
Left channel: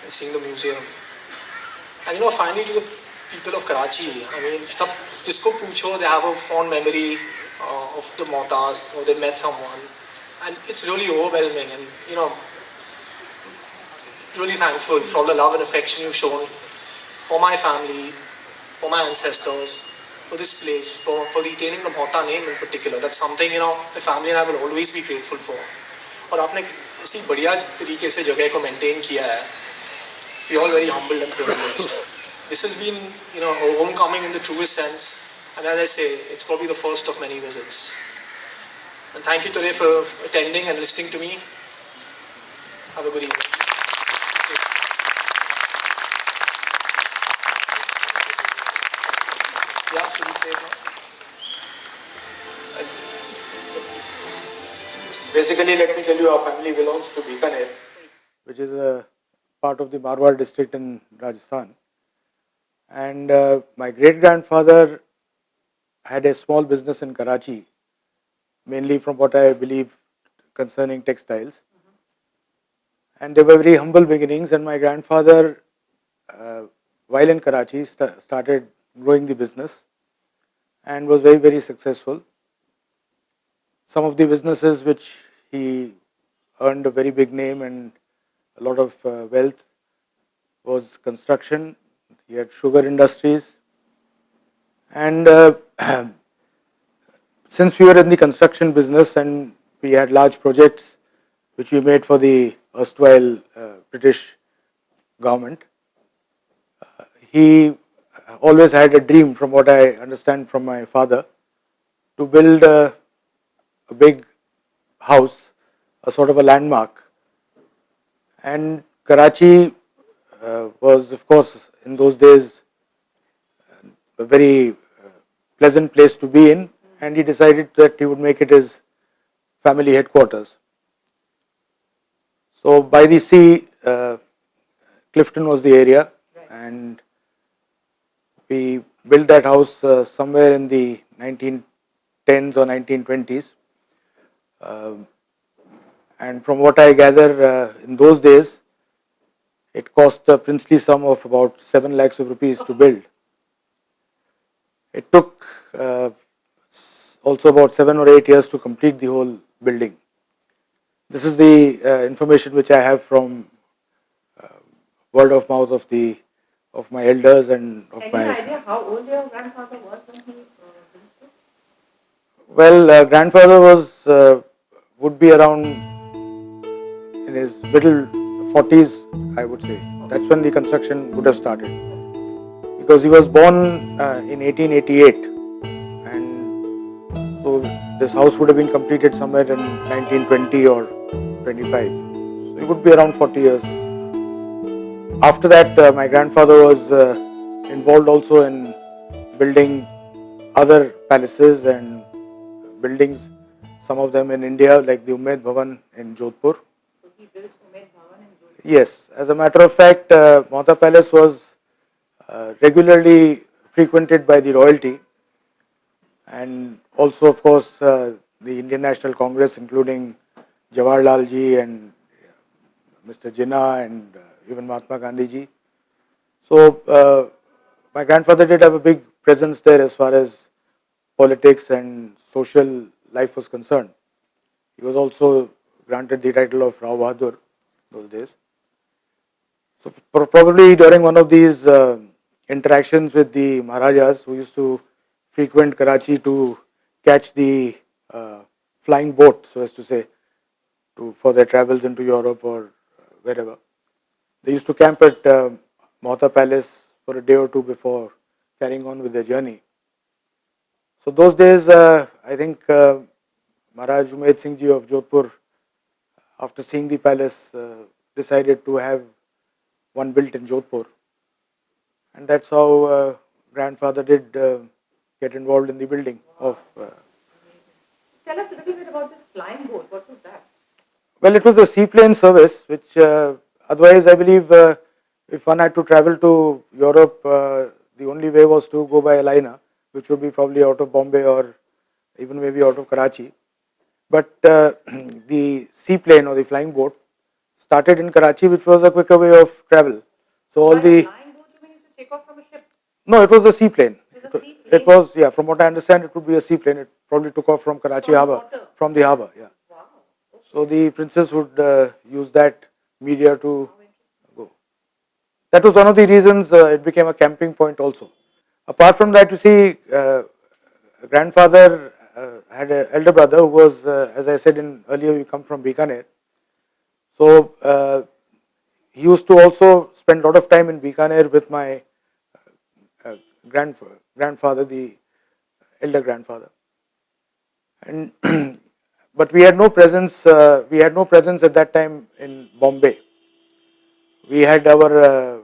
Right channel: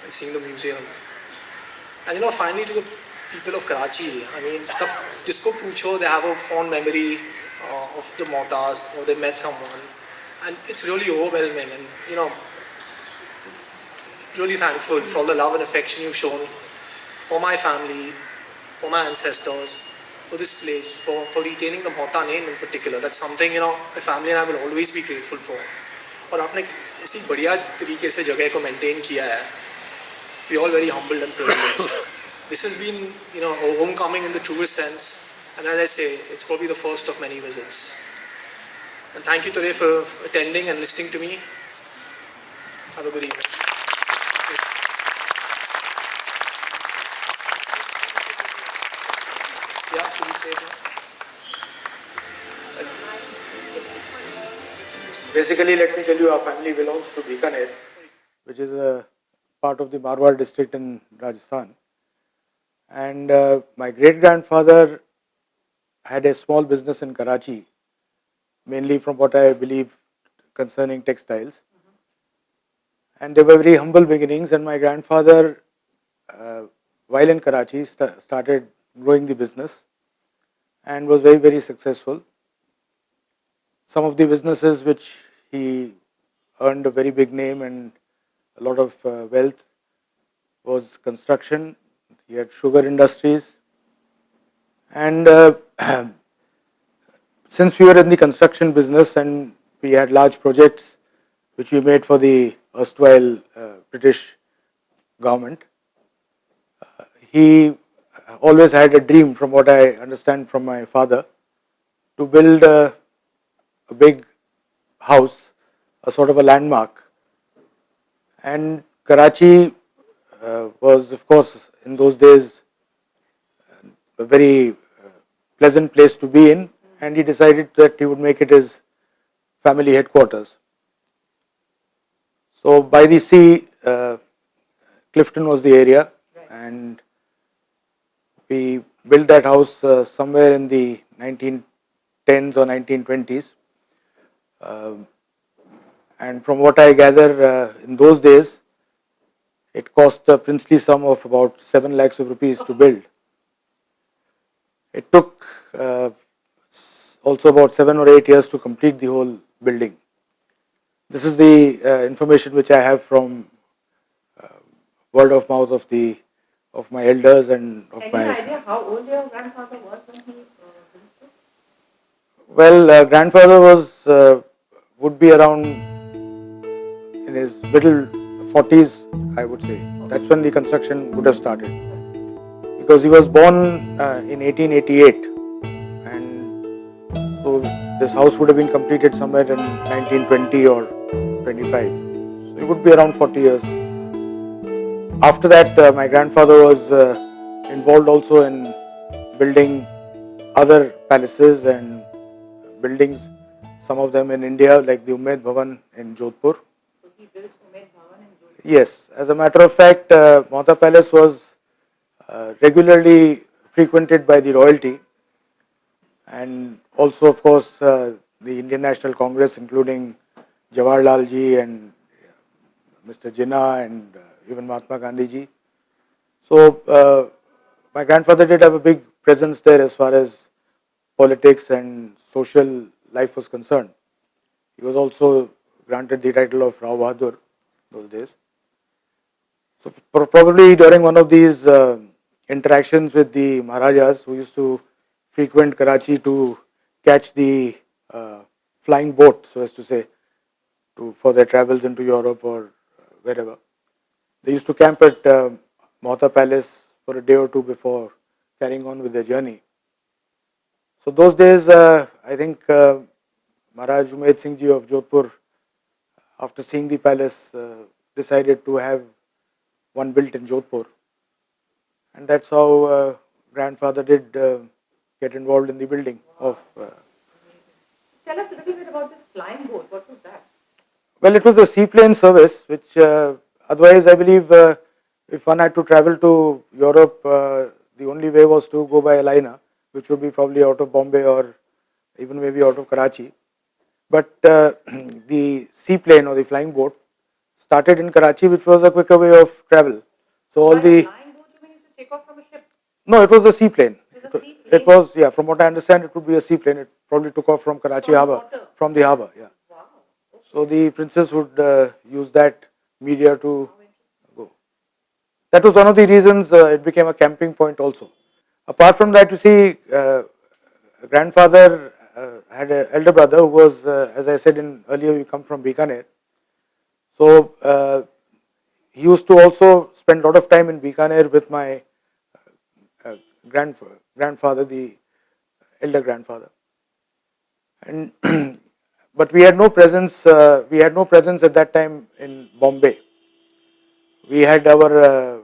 and seeing the museum. And finally to the people of Karachi, I mean, jisko pucho, they have a fond memory of the Mohattas, or they met someone. And it's really overwhelming, and really thankful for all the love and affection you've shown for my family, for my ancestors, for this place, for retaining the Mohatta name in particular. That's something, my family and I will always be grateful for. और आपने इसी बढ़िया तरीके से जगह को maintain किया है. We're all very humbled and privileged. This has been, a homecoming in the truest sense, and as I say, it's probably the first of many visits. And thank you today for attending and listening to me. Have a good evening. Yeah, absolutely. Basically, let me tell you, our family belongs to Bikaner, which is a part of the Marwar district in Rajasthan. And my great-grandfather had a small business in Karachi, mainly from what I believe concerning textiles. And they were very humble beginnings, and my grandfather, while in Karachi, started growing the business and was very, very successful. Some of the businesses which he earned a very big name and a lot of wealth was construction. He had sugar industries, and since we were in the construction business and we had large projects which we made for the erstwhile British government, he always had a dream, from what I understand from my father, to build a big house, a sort of a landmark. And Karachi was, of course, in those days a very pleasant place to be in, and he decided that he would make it his family headquarters. So by the sea, Clifton was the area, and we built that house somewhere in the 1910s or 1920s. And from what I gather, in those days, it cost a princely sum of about 7 lakhs of rupees to build. It took also about 7 or 8 years to complete the whole building. This is the information which I have from word of mouth of my elders and of Any my. idea how old your grandfather was when he built this? Well, grandfather was would be around in his middle 40s, I would say. That's when the construction would have started, because he was born in 1888, and so this house would have been completed somewhere in 1920 or 25. So it would be around 40 years. After that, my grandfather was involved also in building other palaces and buildings, some of them in India, like the Umaid Bhavan in Jodhpur. So he built Umaid Bhavan in Jodhpur. Yes, as a matter of fact, Mohatta Palace was regularly frequented by the royalty, and also, of course, the Indian National Congress, including Jawaharlal ji and Mr. Jinnah and even Mahatma Gandhi ji. So my grandfather did have a big presence there as far as politics and social life was concerned. He was also granted the title of Rao Bahadur those days. So probably during one of these interactions with the Maharajas, who used to frequent Karachi to catch the flying boat, so as to say, for their travels into Europe or wherever, they used to camp at Mohatta Palace for a day or two before carrying on with their journey. So those days, I think Maharaj Umaid Singh ji of Jodhpur, after seeing the palace, decided to have one built in Jodhpur, and that's how grandfather did get involved in the building of. Tell us a little bit about this flying boat. What was that? Well, it was a seaplane service, which otherwise I believe if one had to travel to Europe, the only way was to go by a liner, which would be probably out of Bombay or even maybe out of Karachi. But the seaplane or the flying boat started in Karachi, which was a quicker way of travel. So all By the flying boat, you mean to take off from a ship? no, it was a seaplane. It was a seaplane? It was, yeah. From what I understand, it would be a seaplane. It probably took off from Karachi From Harbour, water? from the harbour, yeah. Wow. Okay. So the princess would use that media to go. That was one of the reasons it became a camping point also. Apart from that, you see, grandfather had an elder brother who was, as I said earlier, we come from Bikaner. So he used to also spend a lot of time in Bikaner with my grandfather, the elder grandfather. And but we had no presence. We had no presence at that time in Bombay. We had our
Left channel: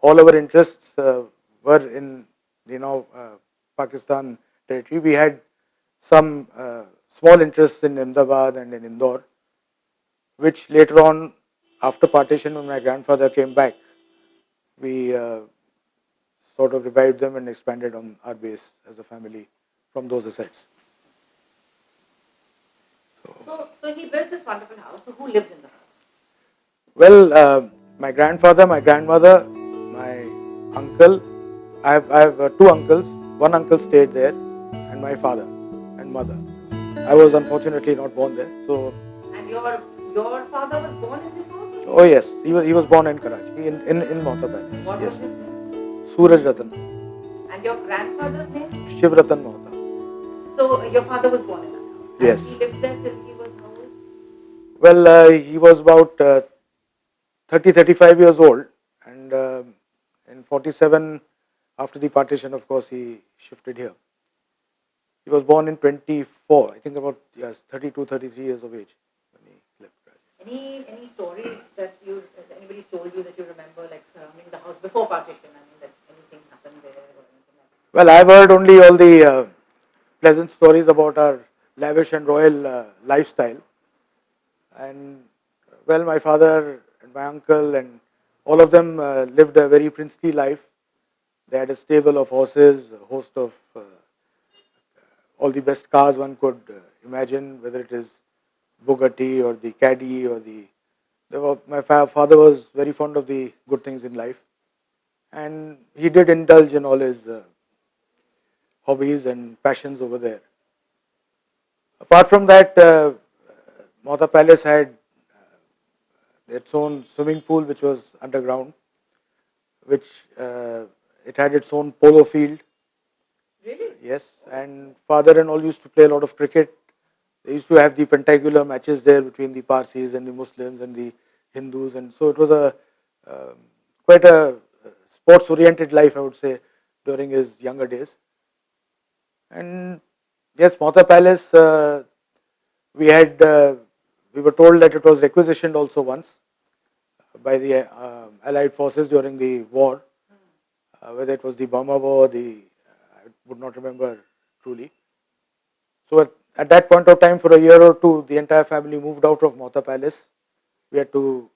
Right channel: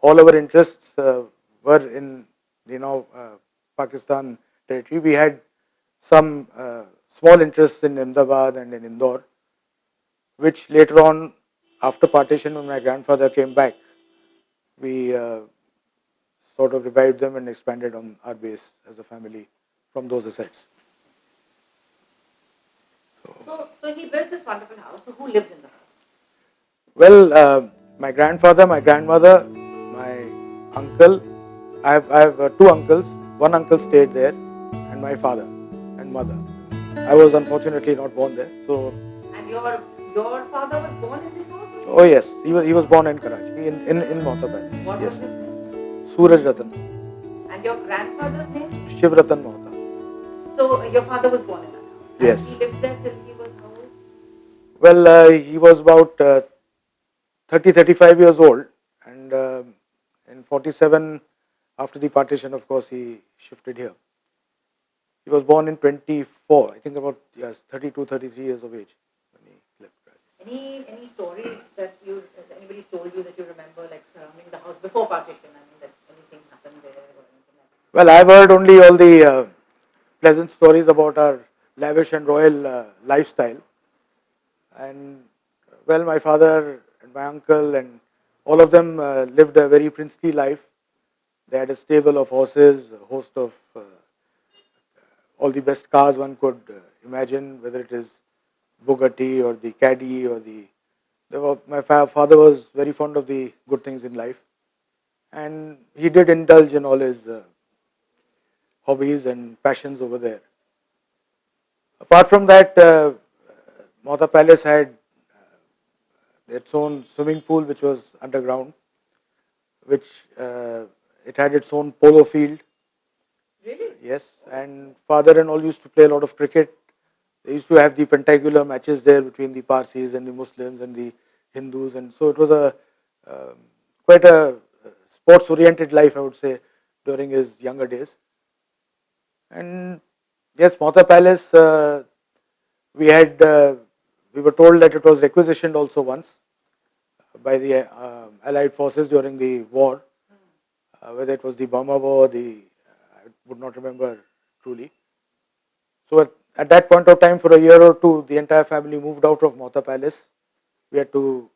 all our interests were in Pakistan territory. We had some small interests in Ahmedabad and in Indore, which later on, after partition, when my grandfather came back, we sort of revived them and expanded on our base as a family from those assets. So he built this wonderful house. So who lived in the house? Well, my grandfather, my grandmother, my uncle. I have two uncles. One uncle stayed there, and my father and mother. I was unfortunately not born there. So. And your father was born in this house? Oh yes, he was born in Karachi, in Mohatta Palace. What Yes. was his name? Suraj Ratan, And your grandfather's name? Shiv Ratan Mohatta. So your father was born in that house? Yes. And he lived there till he was how old? Well, he was about 30-35 years old, and in 47, after the partition, of course, he shifted here. He was born in 24, I think about 32, 33 years of age when he left Rajasthan. Any stories that anybody's told you that you remember, like surrounding the house before partition? I mean, that anything happened there or anything like that? Well, I've heard only all the pleasant stories about our lavish and royal lifestyle. And well, my father and my uncle and all of them lived a very princely life. They had a stable of horses, a host of all the best cars one could imagine, whether it is Bugatti or the Caddy or my father was very fond of the good things in life, and he did indulge in all his hobbies and passions over there. Apart from that, Mohatta Palace had its own swimming pool, which was underground, which it had its own polo field. Really? Yes, and father and all used to play a lot of cricket. They used to have the pentacular matches there between the Parsis and the Muslims and the Hindus, and so it was a quite a sports-oriented life, I would say, during his younger days. And yes, Mohatta Palace, we were told that it was requisitioned also once by the Allied forces during the war, whether it was the Burma War, I would not remember truly. So at that point of time, for a year or two, the entire family moved out of Mohatta Palace. We had to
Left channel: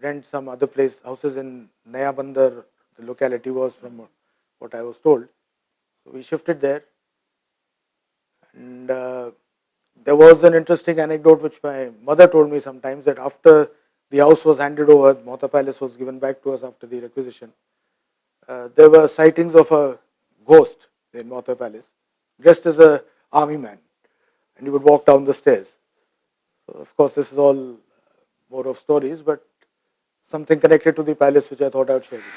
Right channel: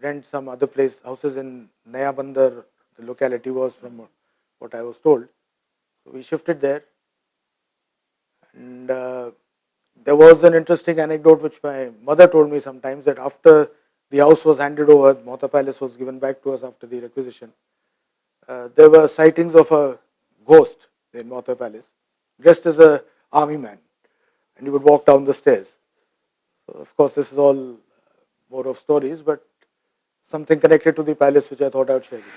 rent some other place, houses in Naya Bandar, the locality was, from what I was told. So we shifted there. And there was an interesting anecdote which my mother told me sometimes, that after the house was handed over, Mohatta Palace was given back to us after the requisition. There were sightings of a ghost in Mohatta Palace, dressed as an army man, and he would walk down the stairs. So of course, this is all more of stories, but something connected to the palace which I thought I would share with you.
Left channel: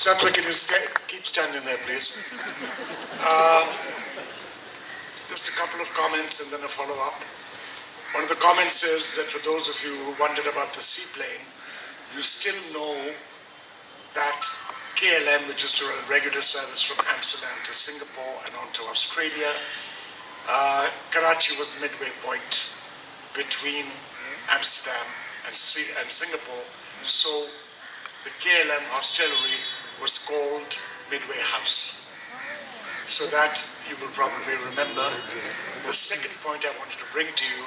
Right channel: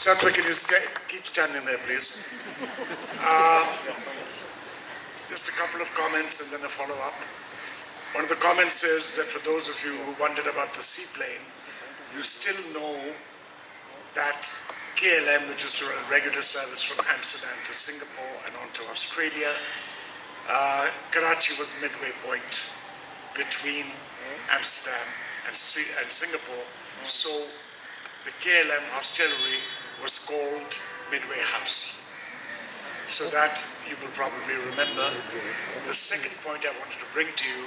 Satvik, can you keep standing there, please? Just a couple of comments and then a follow-up. One of the comments is that for those of you who wondered about the seaplane, you still know that KLM, which is to run regular service from Amsterdam to Singapore and on to Australia, Karachi was midway point between Amsterdam and Singapore, so the KLM hostelry was called Midway House. So that you will probably remember. The second point I wanted to bring to you,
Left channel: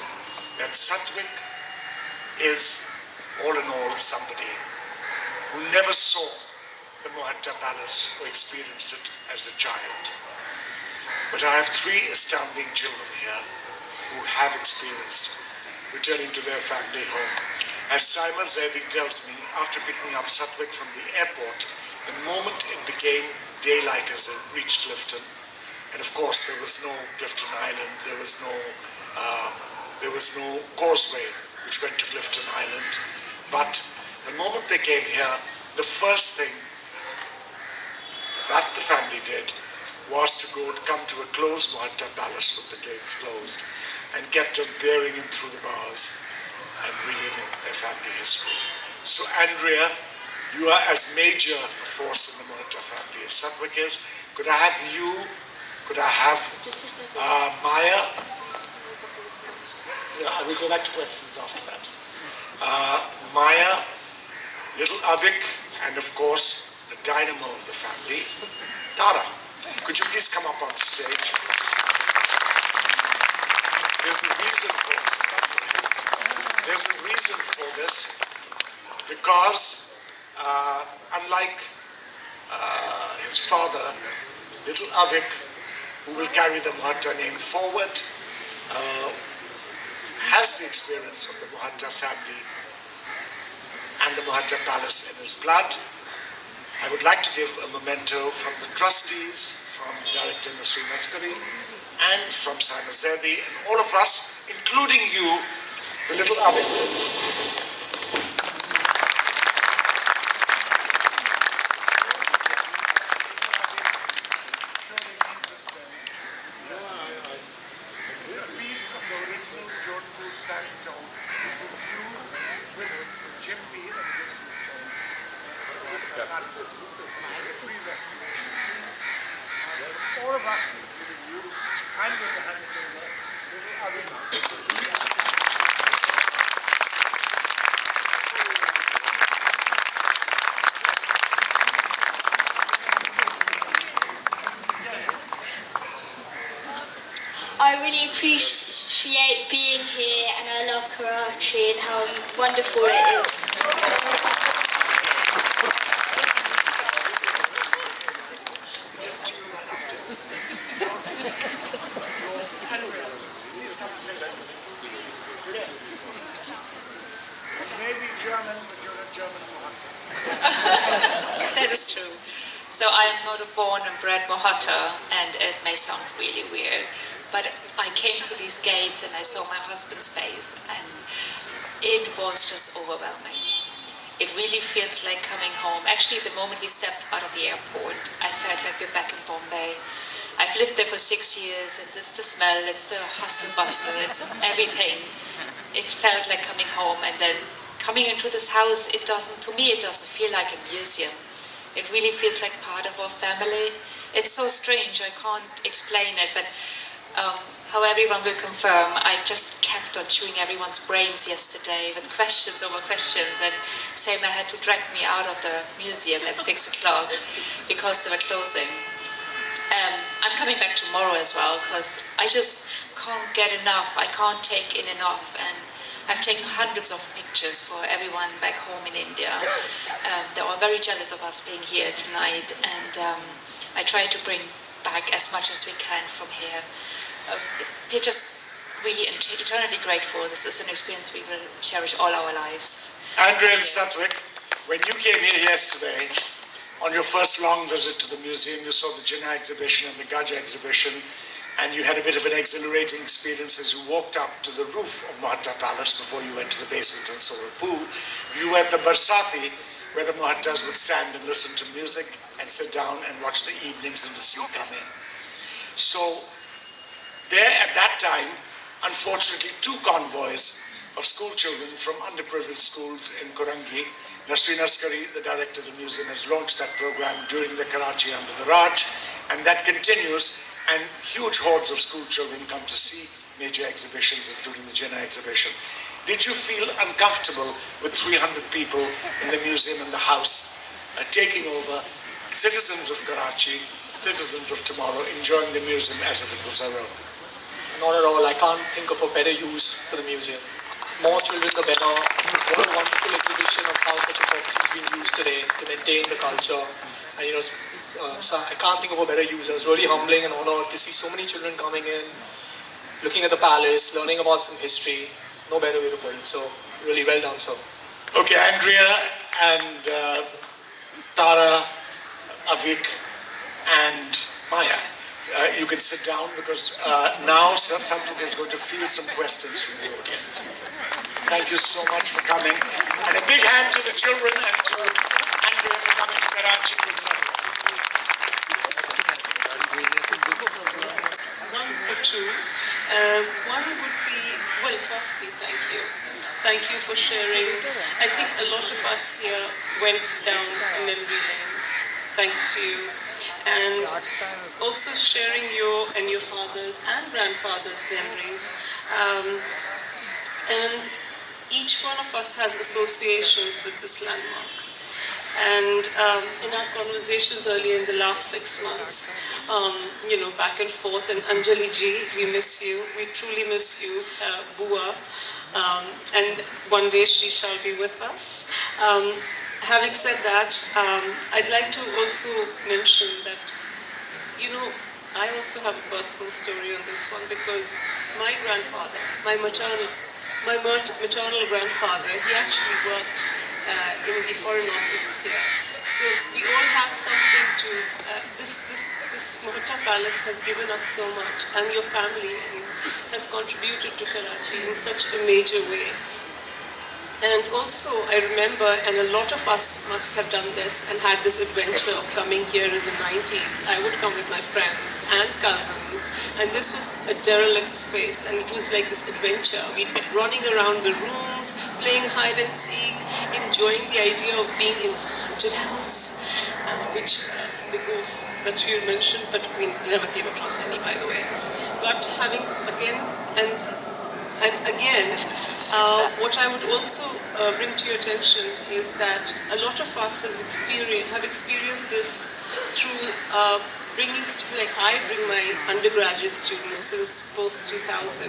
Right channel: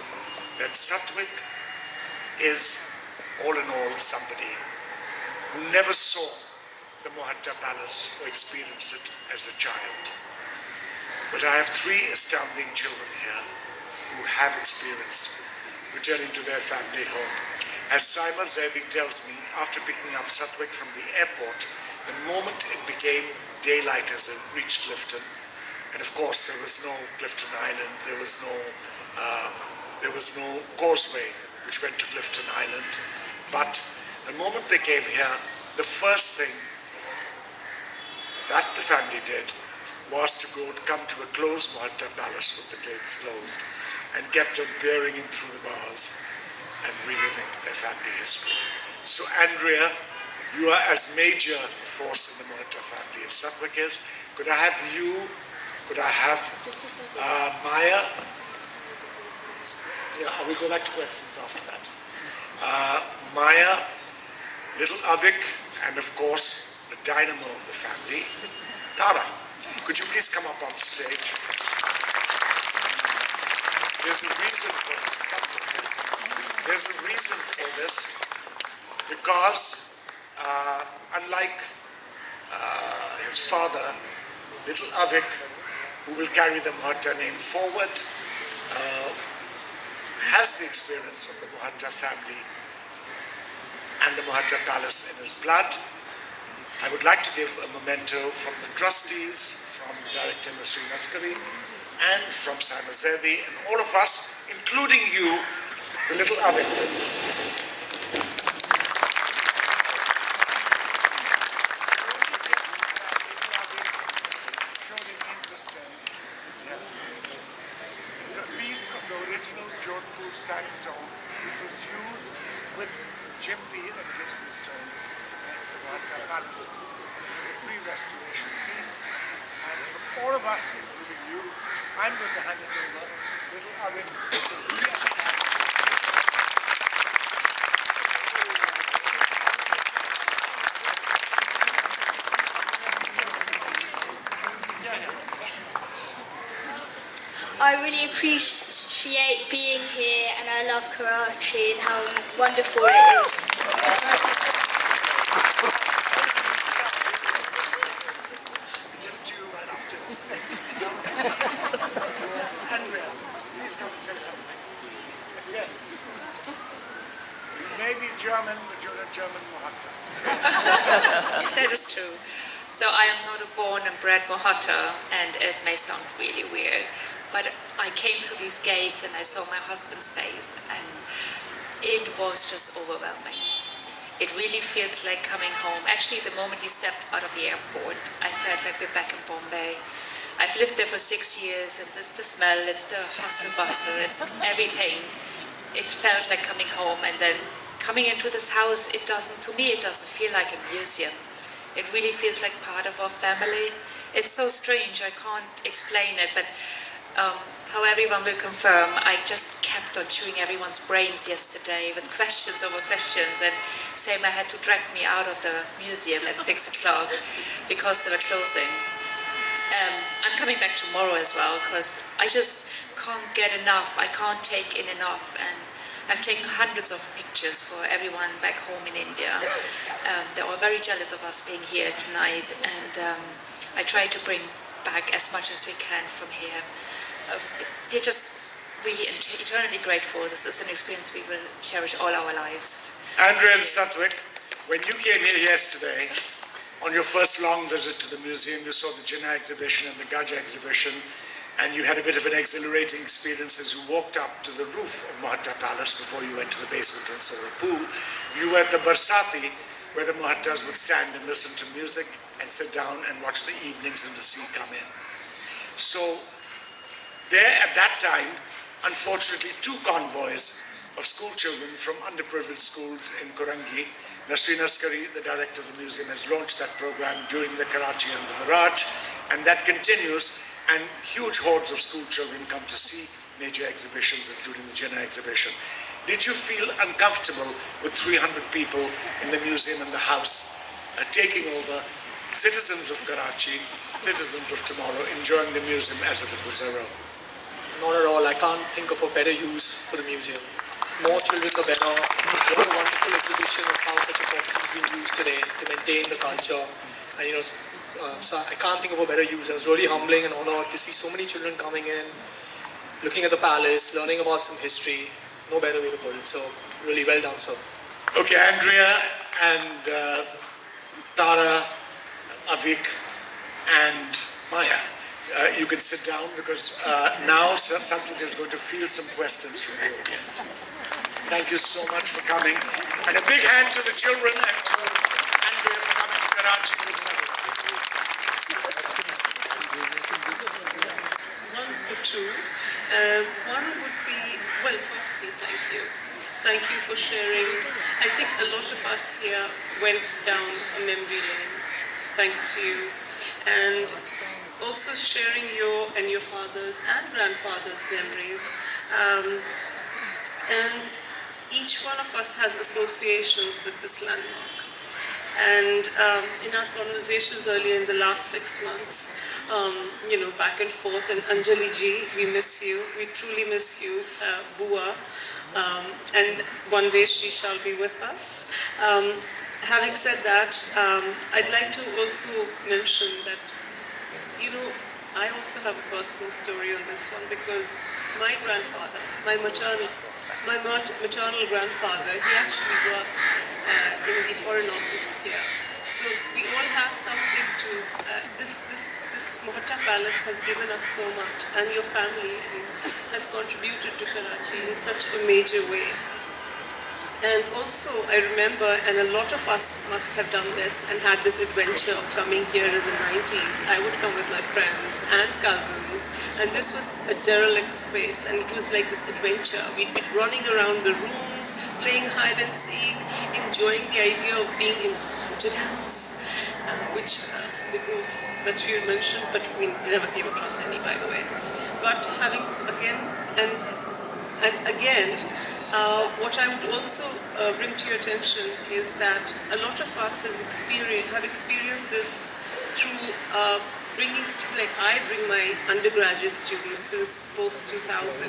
that Satvik is all in all somebody who never saw the Mohatta Palace or experienced it as a child. But I have three astounding children here who have experienced returning to their family home. As Saima Zaidi tells me, after picking up Satvik from the airport, the moment it became daylight as they reached Clifton, and of course there was no Clifton Island, there was no causeway which went to Clifton Island, but the moment they came here, the first thing that the family did was to come to a closed Mohatta Palace with the gates closed and kept on peering in through the bars and reliving their family history. So Andrea, you are as major a force in the Mohatta family as Satvik is. Could I have you, could I have Maya? Yeah, I will go back to questions after that. Maya, little Avik, and of course, the dynamo of the family, Tara. Could you please come up on stage? There's a reason for this. There's a reason for this, because unlike his father, little Avik, who will carry the Mohatta name forward, has the experience of the Mohatta family and the Mohatta Palace in his blood. I would like to give a memento from the trustees, from the director Nasreen Maskari, and from Saima Zaidi, and all of us, including you, the little Avik. piece of the original Jodhpur sandstone which was used with Jimpi and Jodhpur stone in the Mohatta Palace. It was a pre-restoration piece, and for all of us, including you, I'm going to hand it over. Little Avik. I really appreciate being here, and I love Karachi and how wonderful it is. Andrea, please come and say something. Yes. You may be German, but you're a German Mohatta. That is true. So I am not a born and bred Mohatta, and it may sound really weird, but I came through these gates and I saw my husband's face, and it was just overwhelming. It really feels like coming home. Actually, the moment we stepped out of the airport, I felt like we're back in Bombay. I've lived there for 6 years, and it's the smell, it's the hustle bustle, it's everything. It felt like coming home, and then coming into this house, to me it doesn't feel like a museum. It really feels like part of our family. It's so strange, I can't explain it, but how everyone will confirm, I just kept on chewing everyone's brains yesterday with questions over questions, and Sema had to drag me out of the museum at 6 o'clock because they were closing. I'm coming back tomorrow as well because I just can't get enough, I can't take in enough, and I've taken hundreds of pictures for everyone back home in India. They were very jealous of us being here tonight, and I try to bring back as much as we can from here. We're just really eternally grateful. This is an experience we will cherish all our lives. Andrea and Satvik, when you came here yesterday, on your first long visit to the museum, you saw the Jinnah exhibition and the Gaj exhibition, and you had a bit of an exhilarating experience as you walked up to the roof of Mohatta Palace before you went to the basement and saw a pool. You were at the Barsati, where the Mohattas would stand and listen to music and sit down and watch the evenings and the sea come in. So there at that time, unfortunately, 2 convoys of school children from underprivileged schools in Korangi. Nasreen Askari, the director of the museum, has launched that program during the Karachi under the Raj, and that continues, and huge hordes of school children come to see major exhibitions, including the Jinnah exhibition. Did you feel uncomfortable with 300 people in the museum and the house taking over, citizens of Karachi, citizens of tomorrow, enjoying the museum as if it was their own? Not at all. I can't think of a better use for the museum. More children, the better. What a wonderful exhibition of how such a property is being used today to maintain the culture. And so I can't think of a better use. It was really humbling and honored to see so many children coming in, looking at the palace, learning about some history. No better way to put it. So really well done, sir. Okay, Andrea and Tara, Avik and Maya. You can sit down because now Satvik is going to field some questions from the audience. Thank you so much for coming. And a big hand to the children and to Andrea for coming to Karachi with Satvik. One or two. One would be, well, firstly, thank you. Thank you for sharing. I think a lot of us here went down in India, thanks to you. And also sharing your and your father's and grandfather's memories. And each one of us has associations with this landmark. And in our conversations earlier in the last 6 months, back and forth, and Anjali ji, we miss you. We truly miss you, Bua. And one day she shall be with us. Having said that, I'd like to also mention that, I also have a personal story on this one because my grandfather, my maternal grandfather, he actually worked in the Foreign Office here. So we all have something to, this Mohatta Palace has given us so much, and your family has contributed to Karachi in such a major way. And also, I remember, and a lot of us must have done this and had this adventure of coming here in the 90s. I would come with my friends and cousins, and this was a derelict space, and it was like this adventure. We'd be running around the rooms, playing hide and seek, enjoying the idea of being in a haunted house, which the ghosts that you mentioned, but we never came across any, by the way. But having again, and again, what I would also bring to your attention is that a lot of us have experienced this through bringing, like I bring my undergraduate students since post-2000,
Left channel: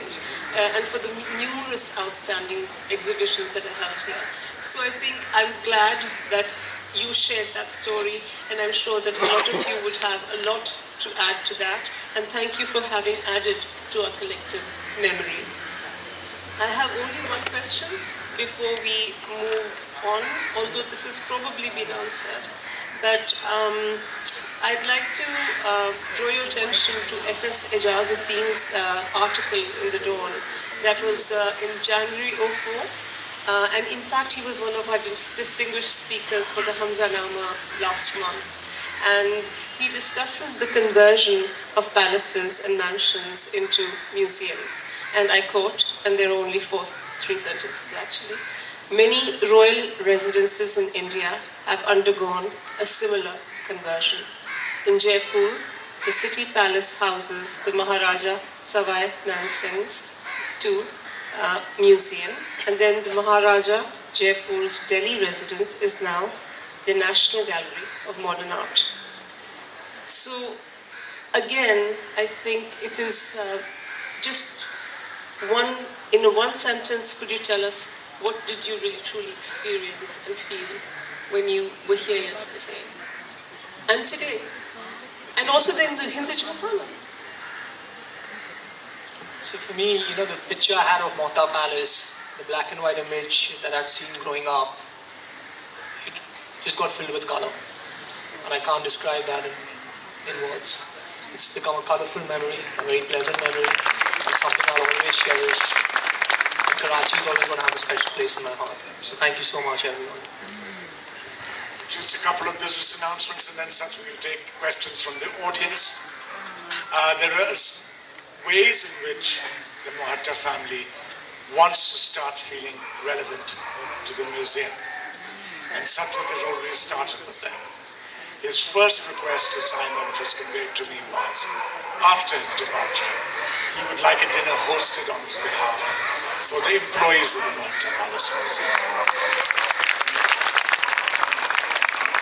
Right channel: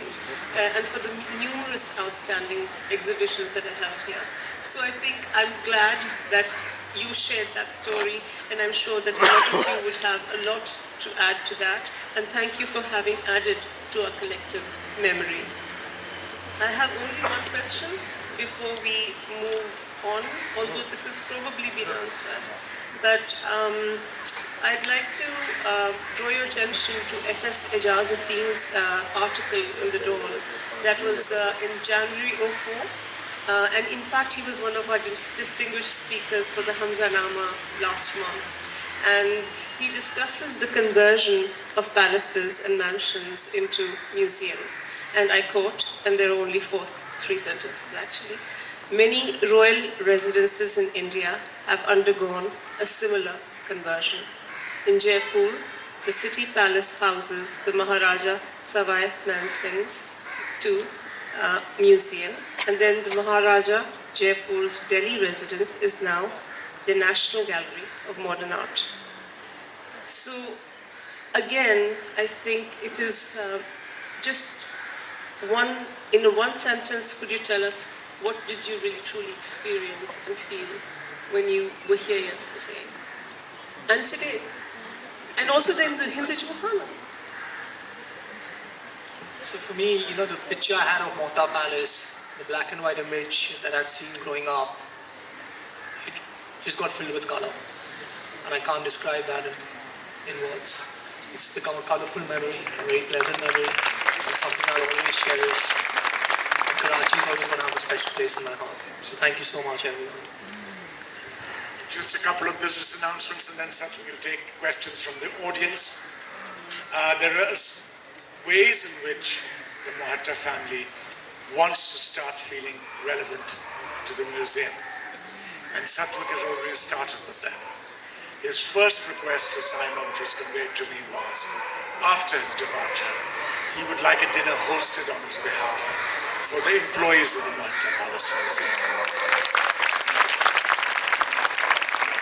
and for the numerous outstanding exhibitions that I've had here. So I think I'm glad that you shared that story, and I'm sure that a lot of you would have a lot to add to that, and thank you for having added to our collective memory. I have only one question before we move on, although this has probably been answered. But I'd like to draw your attention to F.S. Ejazuddin's article in the Dawn. That was in January 2004. And in fact, he was one of our distinguished speakers for the Hamzanama last month. And he discusses the conversion of palaces and mansions into museums. And I quote, and there are only three sentences actually. Many royal residences in India have undergone a similar conversion. In Jaipur, the city palace houses the Maharaja Savai Mansingh's museum, and then the Maharaja Jaipur's Delhi residence is now the National Gallery of Modern Art. So again, I think it is just in one sentence, could you tell us what did you really truly experience and feel when you were here yesterday and today? And also then the Hindu Chowhana. So for me, the picture I had of Mohatta Palace, the black and white image that I'd seen growing up, it just got filled with color. And I can't describe that in words. It's become a colorful memory, a very pleasant memory, and something I'll always cherish. And Karachi is always going to have a special place in my heart. So thank you so much, everyone. Just a couple of business announcements, and then Satvik will take questions from the audience. There are ways in which the Mohatta family wants to start feeling relevant to the museum, and Satvik has already started with them. His first request to Scion, which was conveyed to me, was, after his departure, he would like a dinner hosted on his behalf for the employees of the Mohatta Palace Museum.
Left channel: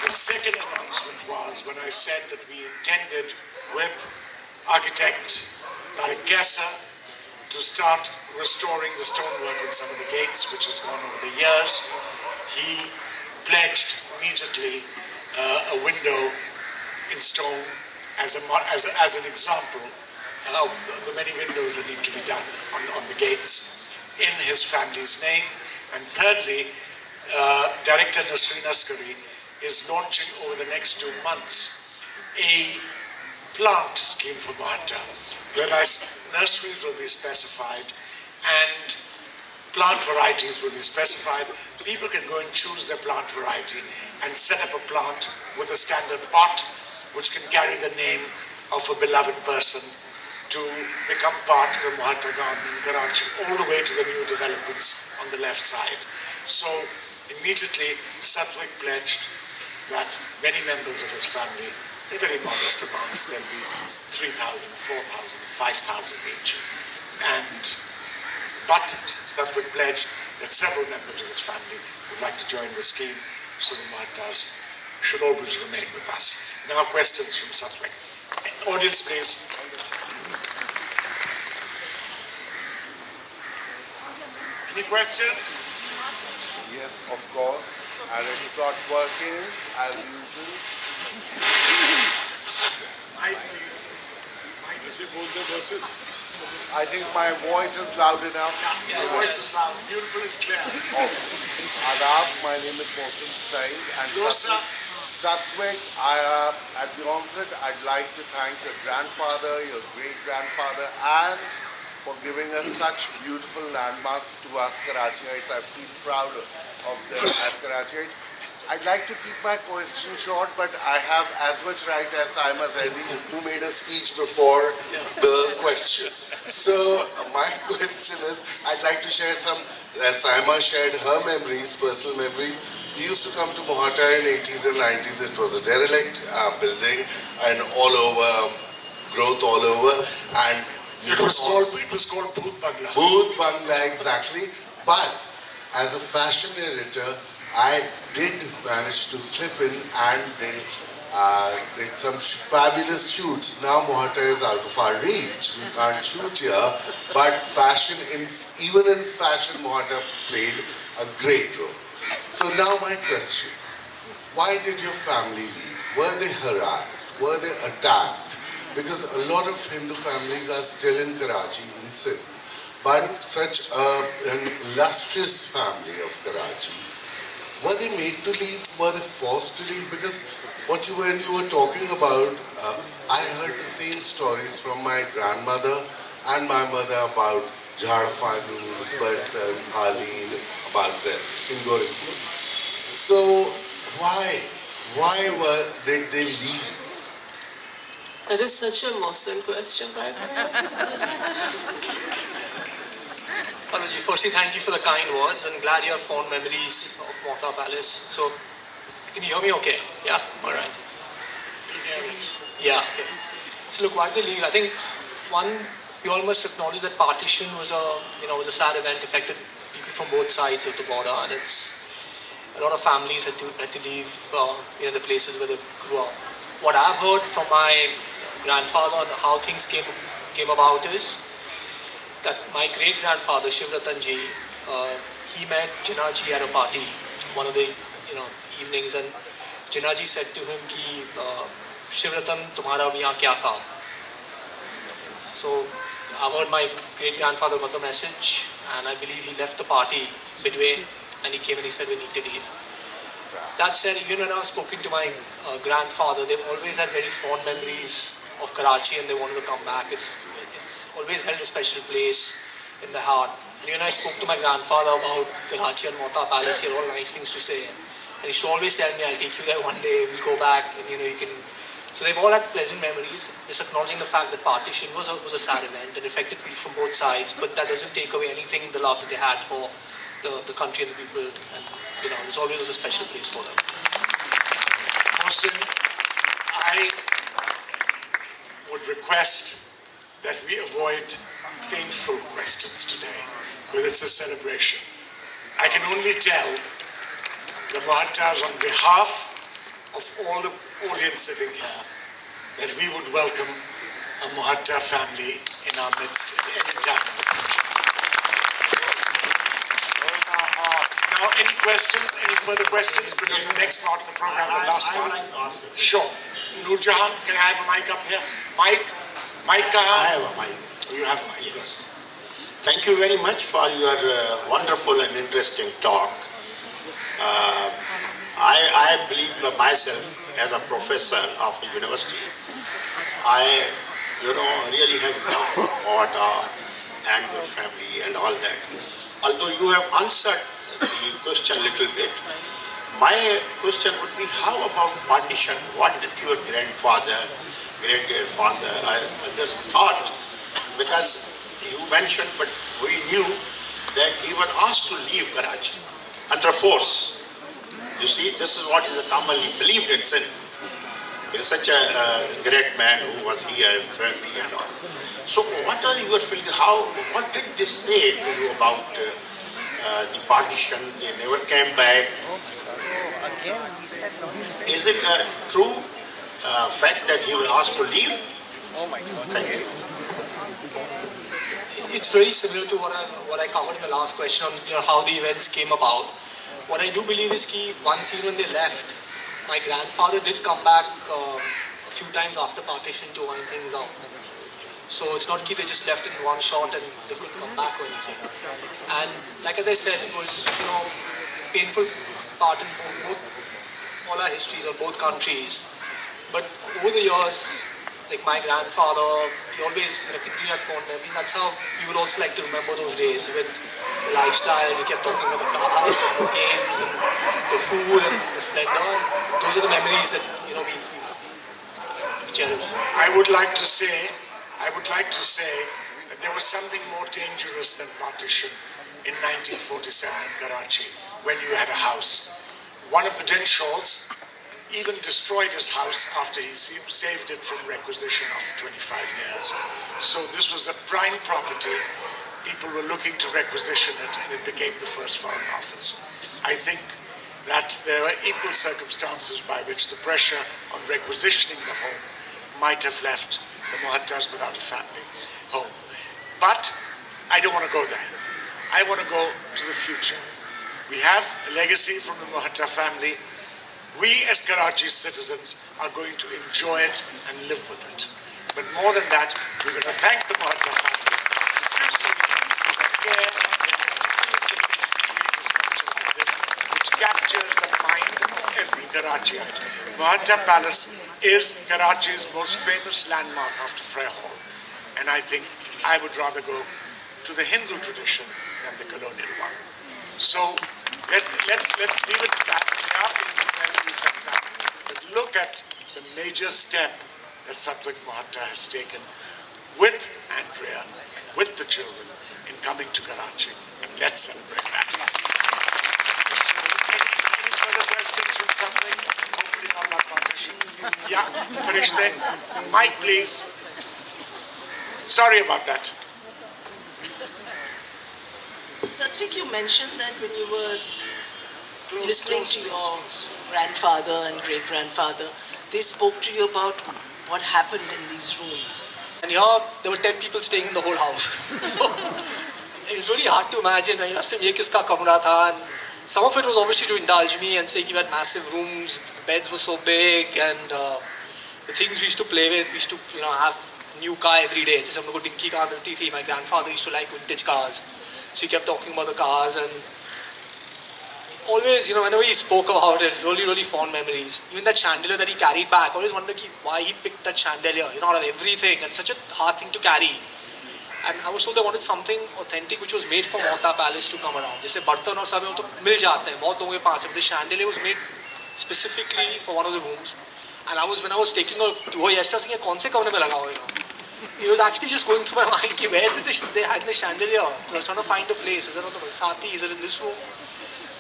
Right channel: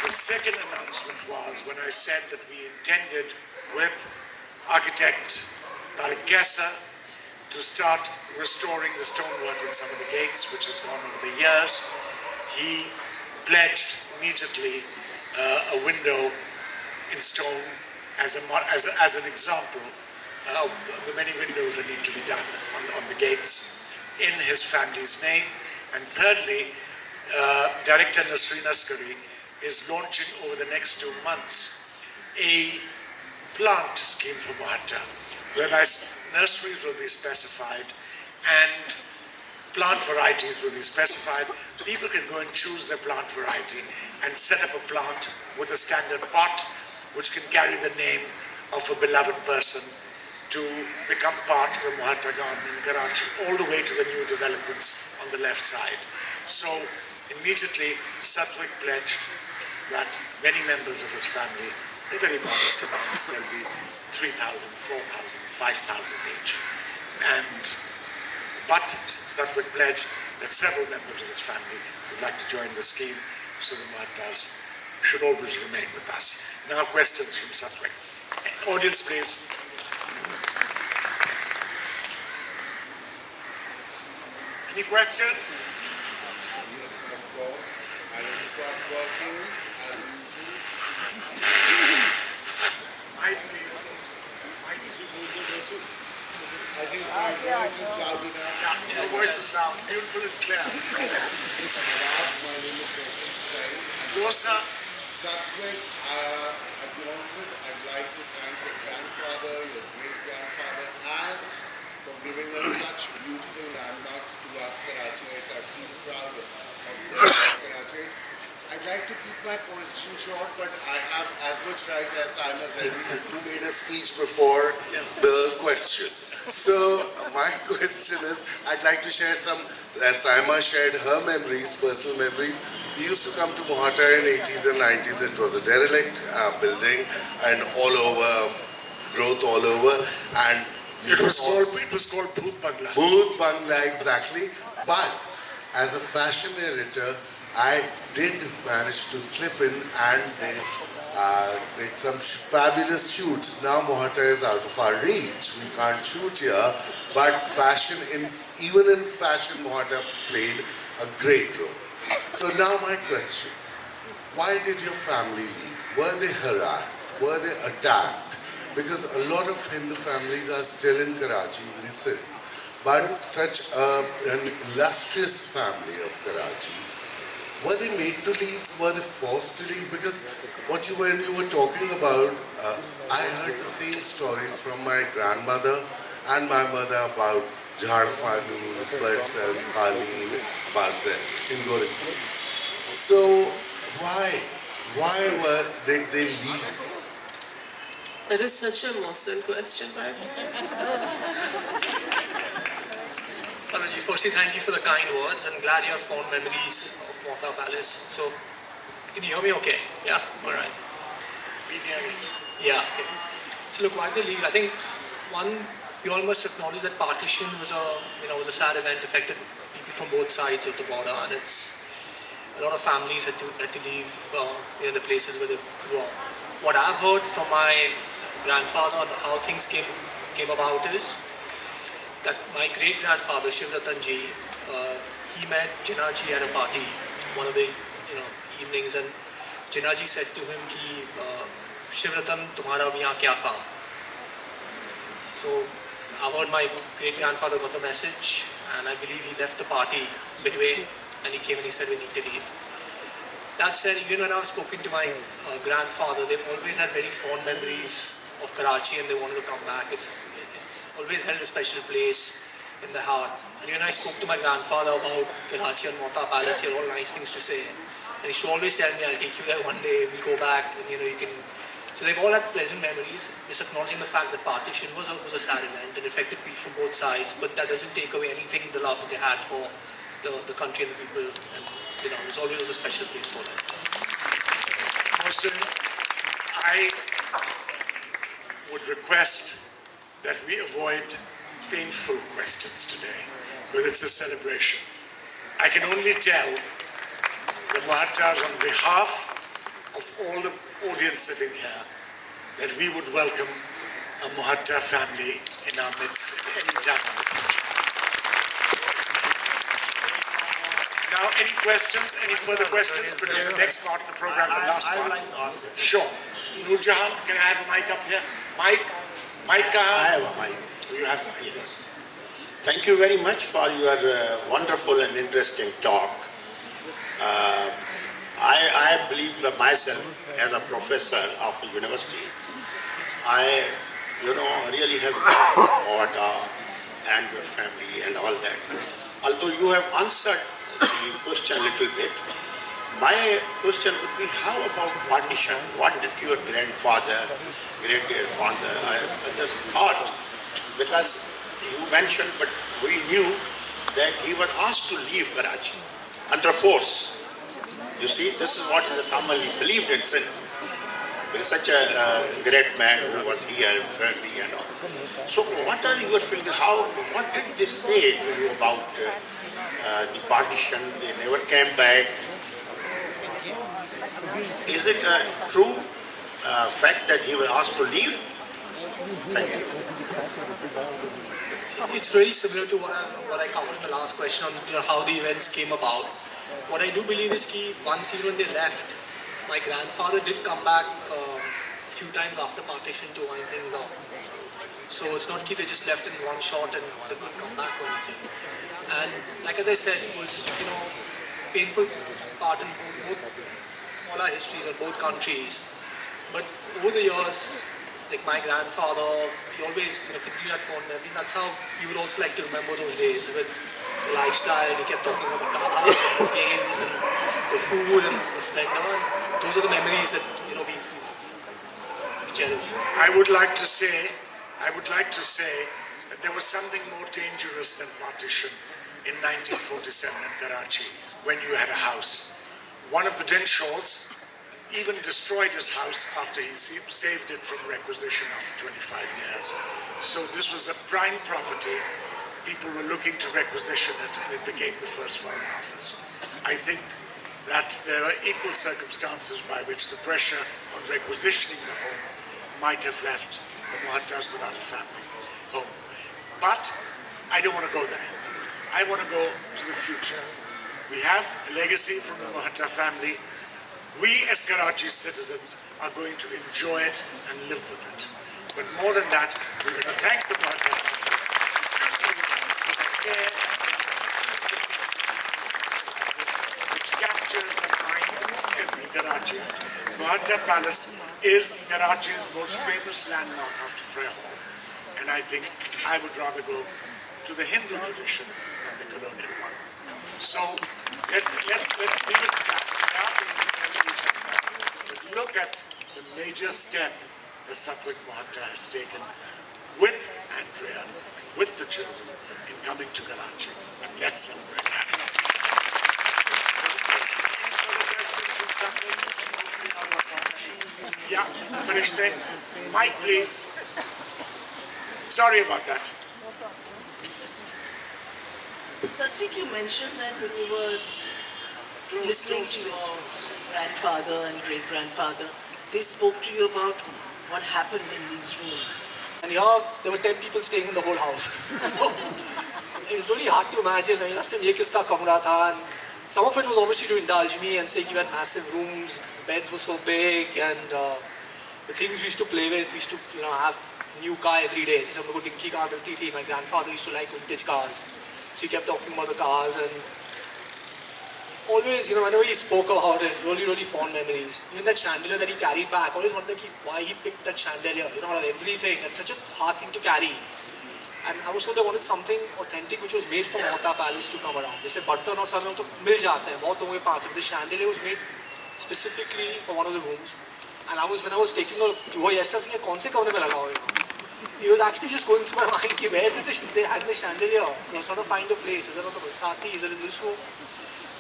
The second announcement was when I said that we intended with architect Tariq Gessa to start restoring the stonework in some of the gates, which has gone over the years. He pledged immediately a window in stone as an example of the many windows that need to be done on the gates in his family's name. And thirdly, Director Nasreen Askari is launching over the next 2 months a plant scheme for Mohatta, whereby nurseries will be specified and plant varieties will be specified. People can go and choose their plant variety and set up a plant with a standard pot which can carry the name of a beloved person to become part of the Mohatta garden in Karachi, all the way to the new developments on the left side. So immediately Satvik pledged that many members of his family, they're very modest amounts, there'll be 3,000, 4,000, 5,000 each. But Satvik pledged that several members of his family would like to join the scheme, so the Mohattas should always remain with us. Now questions from Satvik. Audience, please. Any questions? Yes, of course. I will start working as usual. Mic, please. I think my voice is loud enough. Your voice is loud, beautiful and clear. Adab, my name is Mohsin Saeed. And Dosa. Satvik, at the onset, I'd like to thank your grandfather, your great-grandfather, and for giving us such beautiful landmarks to us Karachiites. I feel proud of of Karachi. I'd like to keep my question short, but I have as much right as Saima who made a speech before the question. So my question is, I'd like to share some, as Saima shared her memories, personal memories. We used to come to Mohatta in 80s and 90s. It was a derelict building and all over, growth all over. And it was called Bhoot Bangla. Bhoot Bangla, exactly. But as a fashion editor, I did manage to slip in and make some fabulous shoots. Now Mohatta is out of our reach. We can't shoot here. But fashion, even in fashion, Mohatta played a great role. So now my question, why did your family leave? Were they harassed? Were they attacked? Because a lot of Hindu families are still in Karachi, in Sindh. But such an illustrious family of Karachi, were they made to leave? Were they forced to leave? Because when you were talking about, I heard the same stories from my grandmother and my mother about Jharfanus, Paleen, about them in Gorakhpur. So why did they leave? That is such an awesome question, right? Palaji, firstly, thank you for the kind words and glad you have fond memories of Mohatta Palace. So, can you hear me okay? Yeah? Alright. Yeah, okay. So look, why did they leave? I think one, we all must acknowledge that partition was a sad event, affected people from both sides of the border, and it's a lot of families had to leave the places where they grew up. What I've heard from my grandfather on how things came about is that my great-grandfather, Shivratanji, he met Jinnah ji at a party one of the evenings, and Jinnah ji said to him ki Shivratan, tumhara abhi yahan kya kaam? So I heard my great-grandfather got the message, and I believe he left the party midway, and he came and he said we need to leave. That said, even when I was spoken to my grandfather, they've always had very fond memories of Karachi and they wanted to come back. It's always held a special place in the heart. And when I spoke to my grandfather about Karachi and Mohatta Palace, he had all nice things to say. And he used to always tell me, I'll take you there one day, we'll go back, and you can... So they've all had pleasant memories, just acknowledging the fact that partition was a sad event and affected people from both sides, but that doesn't take away anything, the love that they had for the country and the people, and it's always a special place for them. Mohsin, I would request that we avoid painful questions today, because it's a celebration. I can only tell the Mohattas on behalf of all the audience sitting here that we would welcome a Mohatta family in our midst at any time in the future. Now, any questions, any further questions? Because the next part of the program, the last part. Sure. Noor Jahan, can I have a mic up here? Mic kaha? I have a mic. You have a mic, yes. Thank you very much for your wonderful and interesting talk. I believe myself as a professor of a university, I really have Mohatta and your family and all that. Although you have answered the question a little bit, my question would be, how about partition? What did your grandfather, great-grandfather, I just thought, because you mentioned, but we knew that he was asked to leave Karachi under force. You see, this is what is commonly believed in Sindh. There is such a great man who was here, friendly and all. So what are your feelings? What did they say to you about the partition? They never came back. Is it a true fact that he was asked to leave? Thank you. It's very similar to what I covered in the last question on how the events came about. What I do believe is that once even they left, my grandfather did come back a few times after partition to wind things up. So it's not that they just left in one shot and they couldn't come back or anything. And like as I said, it was painful part in all our histories of both countries. But over the years, like my grandfather, he always continued at phone. I think that's how we would also like to remember those days with the lifestyle. We kept talking about the cars and the games and the food and the splendor. Those are the memories that we cherish. I would like to say that there was something more dangerous than partition in 1947 in Karachi when you had a house. One of the Dinshaws even destroyed his house after he saved it from requisition after 25 years. So this was a prime property. People were looking to requisition it, and it became the first foreign office. I think that there were equal circumstances by which the pressure on requisitioning the home might have left the Mohattas without a family home. But I don't want to go there. I want to go to the future. We have a legacy from the Mohatta family. We as Karachi citizens are going to enjoy it and live with it. But more than that, we're going to thank the Mohatta family profusely for the care which captures the mind of every Karachiite. Mohatta Palace is Karachi's most famous landmark after Frere Hall. And I think I would rather go to the Hindu tradition than the colonial one. So let's leave it at that. But look at the major step that Satvik Mohatta has taken with Andrea and with the children in coming to Karachi. And let's celebrate that. Any further questions from Satvik? Hopefully not about partition. Yeah, Farishte. Mike, please. Sorry about that. Satvik, you mentioned that when you were listening to your grandfather and great-grandfather, they spoke to you about what happened in these rooms. And here, there were 10 people staying in the whole house. So, it's really hard to imagine. I asked him, ye kiska kamra tha? And some of it was obviously to indulge me and say you had massive rooms, the beds were so big, and the things we used to play with, we used to have new car every day. Just हमको dinky car मिलती थी. My grandfather used to like vintage cars. So he kept talking about the cars, and always, whenever he spoke about it, really, really fond memories. Even that chandelier that he carried back, I always wondered why he picked that chandelier, out of everything, and such a hard thing to carry. And I was told they wanted something authentic which was made for Mohatta Palace to come around. जैसे बर्तन और सब तो मिल जाते हैं बहुत लोगों के पास. The chandelier was made specifically for one of the rooms. And when I was taking a tour yesterday, I was thinking, कौन से कमरे में लगा होगा? It was actually just going through my mind, where did they had the chandelier? So I was trying to find a place. Is it on the Sati? Is it in this room?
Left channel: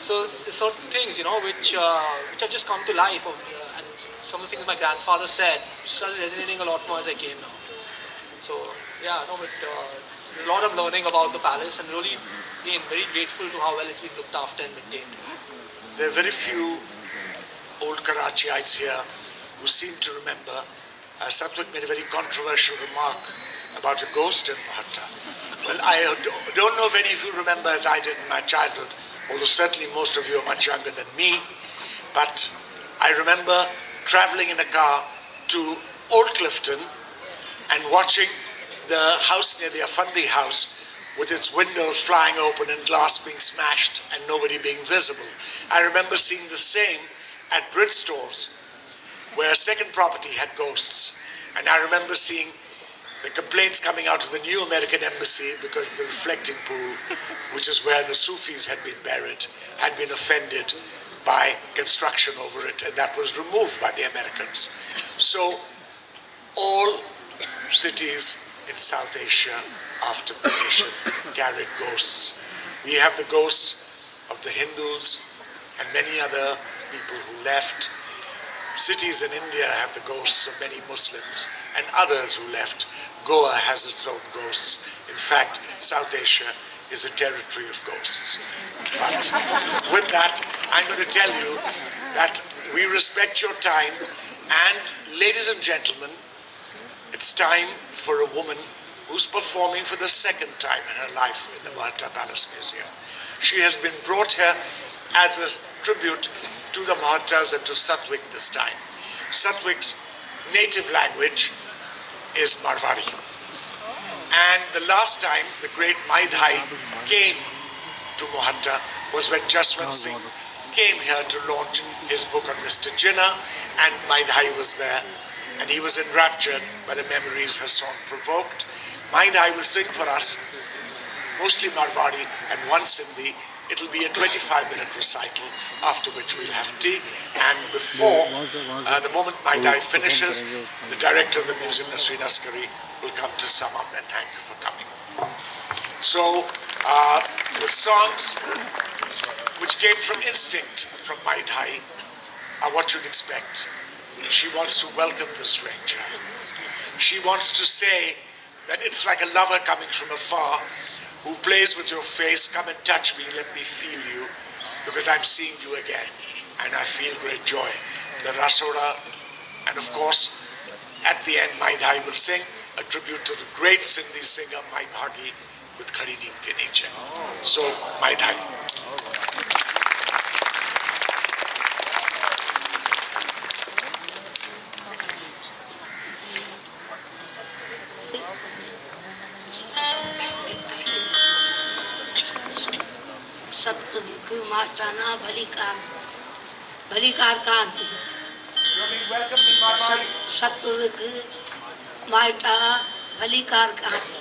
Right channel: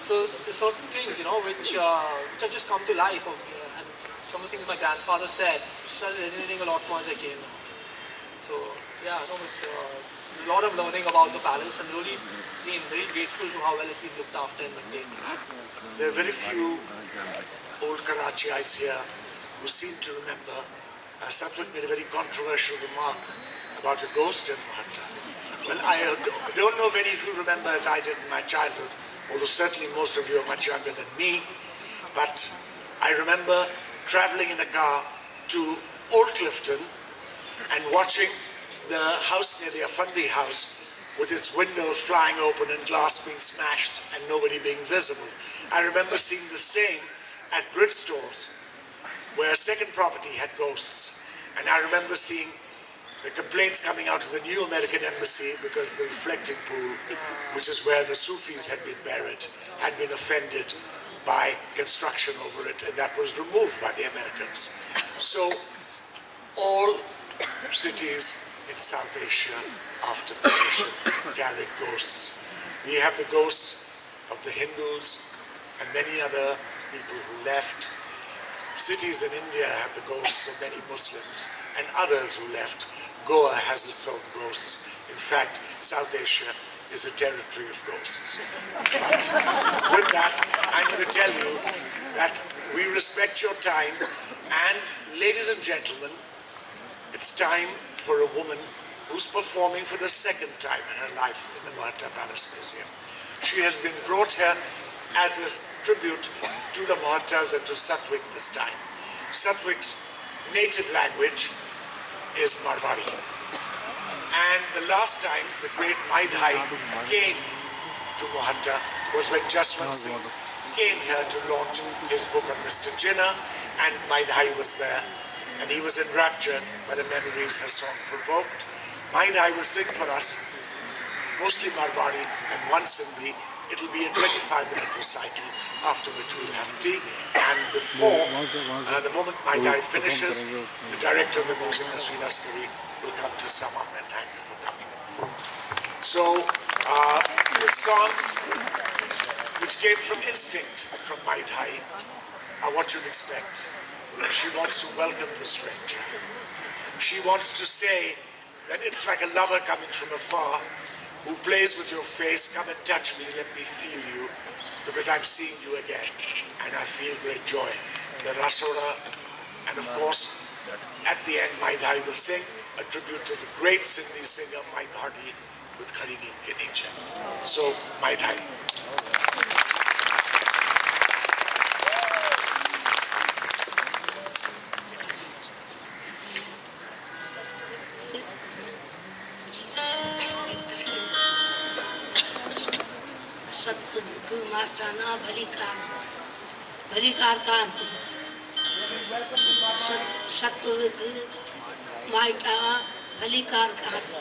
So there's certain things, which have just come to life. And some of the things my grandfather said started resonating a lot more as I came now. So yeah, there's a lot of learning about the palace, and really being very grateful to how well it's been looked after and maintained. There are very few old Karachiites here who seem to remember. Satvik made a very controversial remark about a ghost in Mohatta. Well, I don't know if any of you remember as I did in my childhood, although certainly most of you are much younger than me, but I remember travelling in a car to Old Clifton and watching the house near the Afandi house with its windows flying open and glass being smashed and nobody being visible. I remember seeing the same at Bridgestones, where a second property had ghosts. And I remember seeing the complaints coming out of the new American embassy because the reflecting pool, which is where the Sufis had been buried, had been offended by construction over it, and that was removed by the Americans. So all cities in South Asia after partition carried ghosts. We have the ghosts of the Hindus and many other people who left. Cities in India have the ghosts of many Muslims and others who left. Goa has its own ghosts. In fact, South Asia is a territory of ghosts. But with that, I'm going to tell you that we respect your time, and ladies and gentlemen, it's time for a woman who's performing for the second time in her life in the Mohatta Palace Museum. She has been brought here as a tribute to the Mohattas and to Satvik this time. Satvik's native language is Marwari. And the last time the great Mai Dhai came to Mohatta was when Jaswant Singh came here to launch his book on Mr. Jinnah, and Mai Dhai was there and he was enraptured by the memories her song provoked. Mai Dhai will sing for us, mostly Marwari and one Sindhi. It'll be a 25-minute recital, after which we'll have tea. And before, the moment Mai Dhai finishes, the director of the music, Nasreen Askari, will come to sum up, and thank you for coming. So, with songs which came from instinct from Mai Dhai are what you'd expect. She wants to welcome the stranger. She wants to say that it's like a lover coming from afar who plays with your face. Come and touch me, let me feel you, because I'm seeing you again, and I feel great joy. The Rasoda, and of course, at the end, Mai Dhai will sing a tribute to the great Sindhi singer, Mai Bhagi, with Khadi Neem Ke Neeche. So, Mai Dhai. Satvik Mohatta na Bhalikar Kanti. Satvik Mohatta Bhalikar Kanti.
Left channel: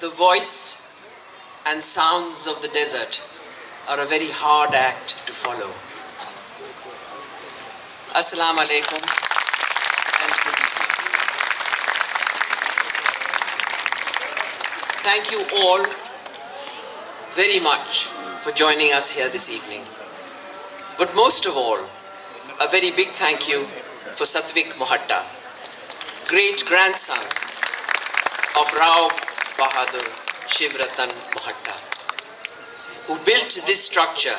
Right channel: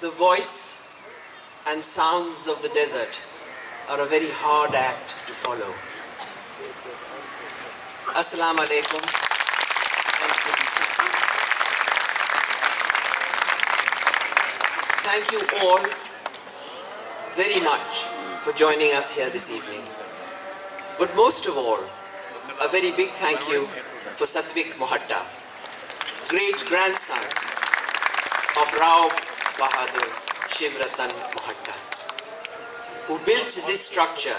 The voice and sounds of the desert are a very hard act to follow. Assalamu alaikum and good evening. Thank you all very much for joining us here this evening. But most of all, a very big thank you for Satvik Mohatta, great grandson of Rao Bahadur Shivratan Mohatta, who built this structure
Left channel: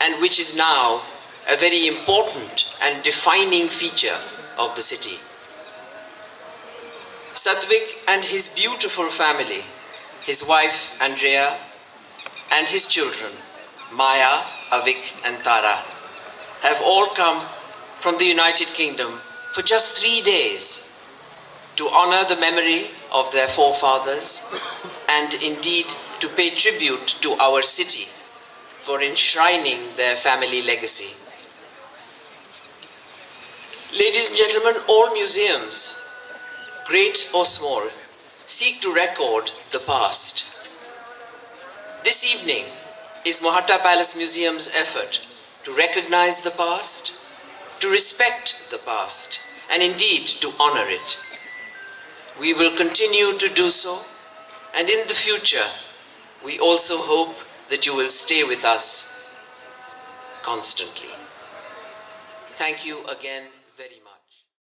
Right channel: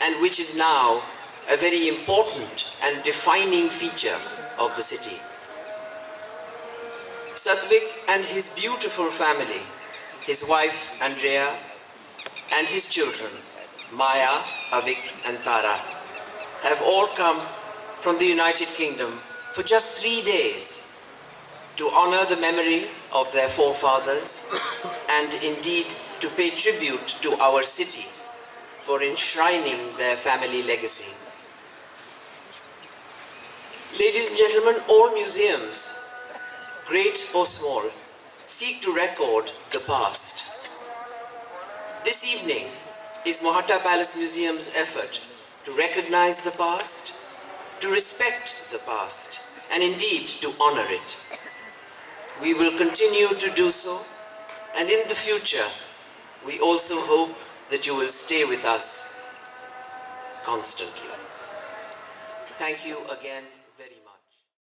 and which is now a very important and defining feature of the city. Satvik and his beautiful family, his wife Andrea and his children Maya, Avik and Tara, have all come from the United Kingdom for just 3 days to honor the memory of their forefathers and indeed to pay tribute to our city for enshrining their family legacy. Ladies and gentlemen, all museums, great or small, seek to record the past. This evening is Mohatta Palace Museum's effort to recognize the past, to respect the past, and indeed to honor it. We will continue to do so, and in the future, we also hope that you will stay with us constantly. Thank you again very much.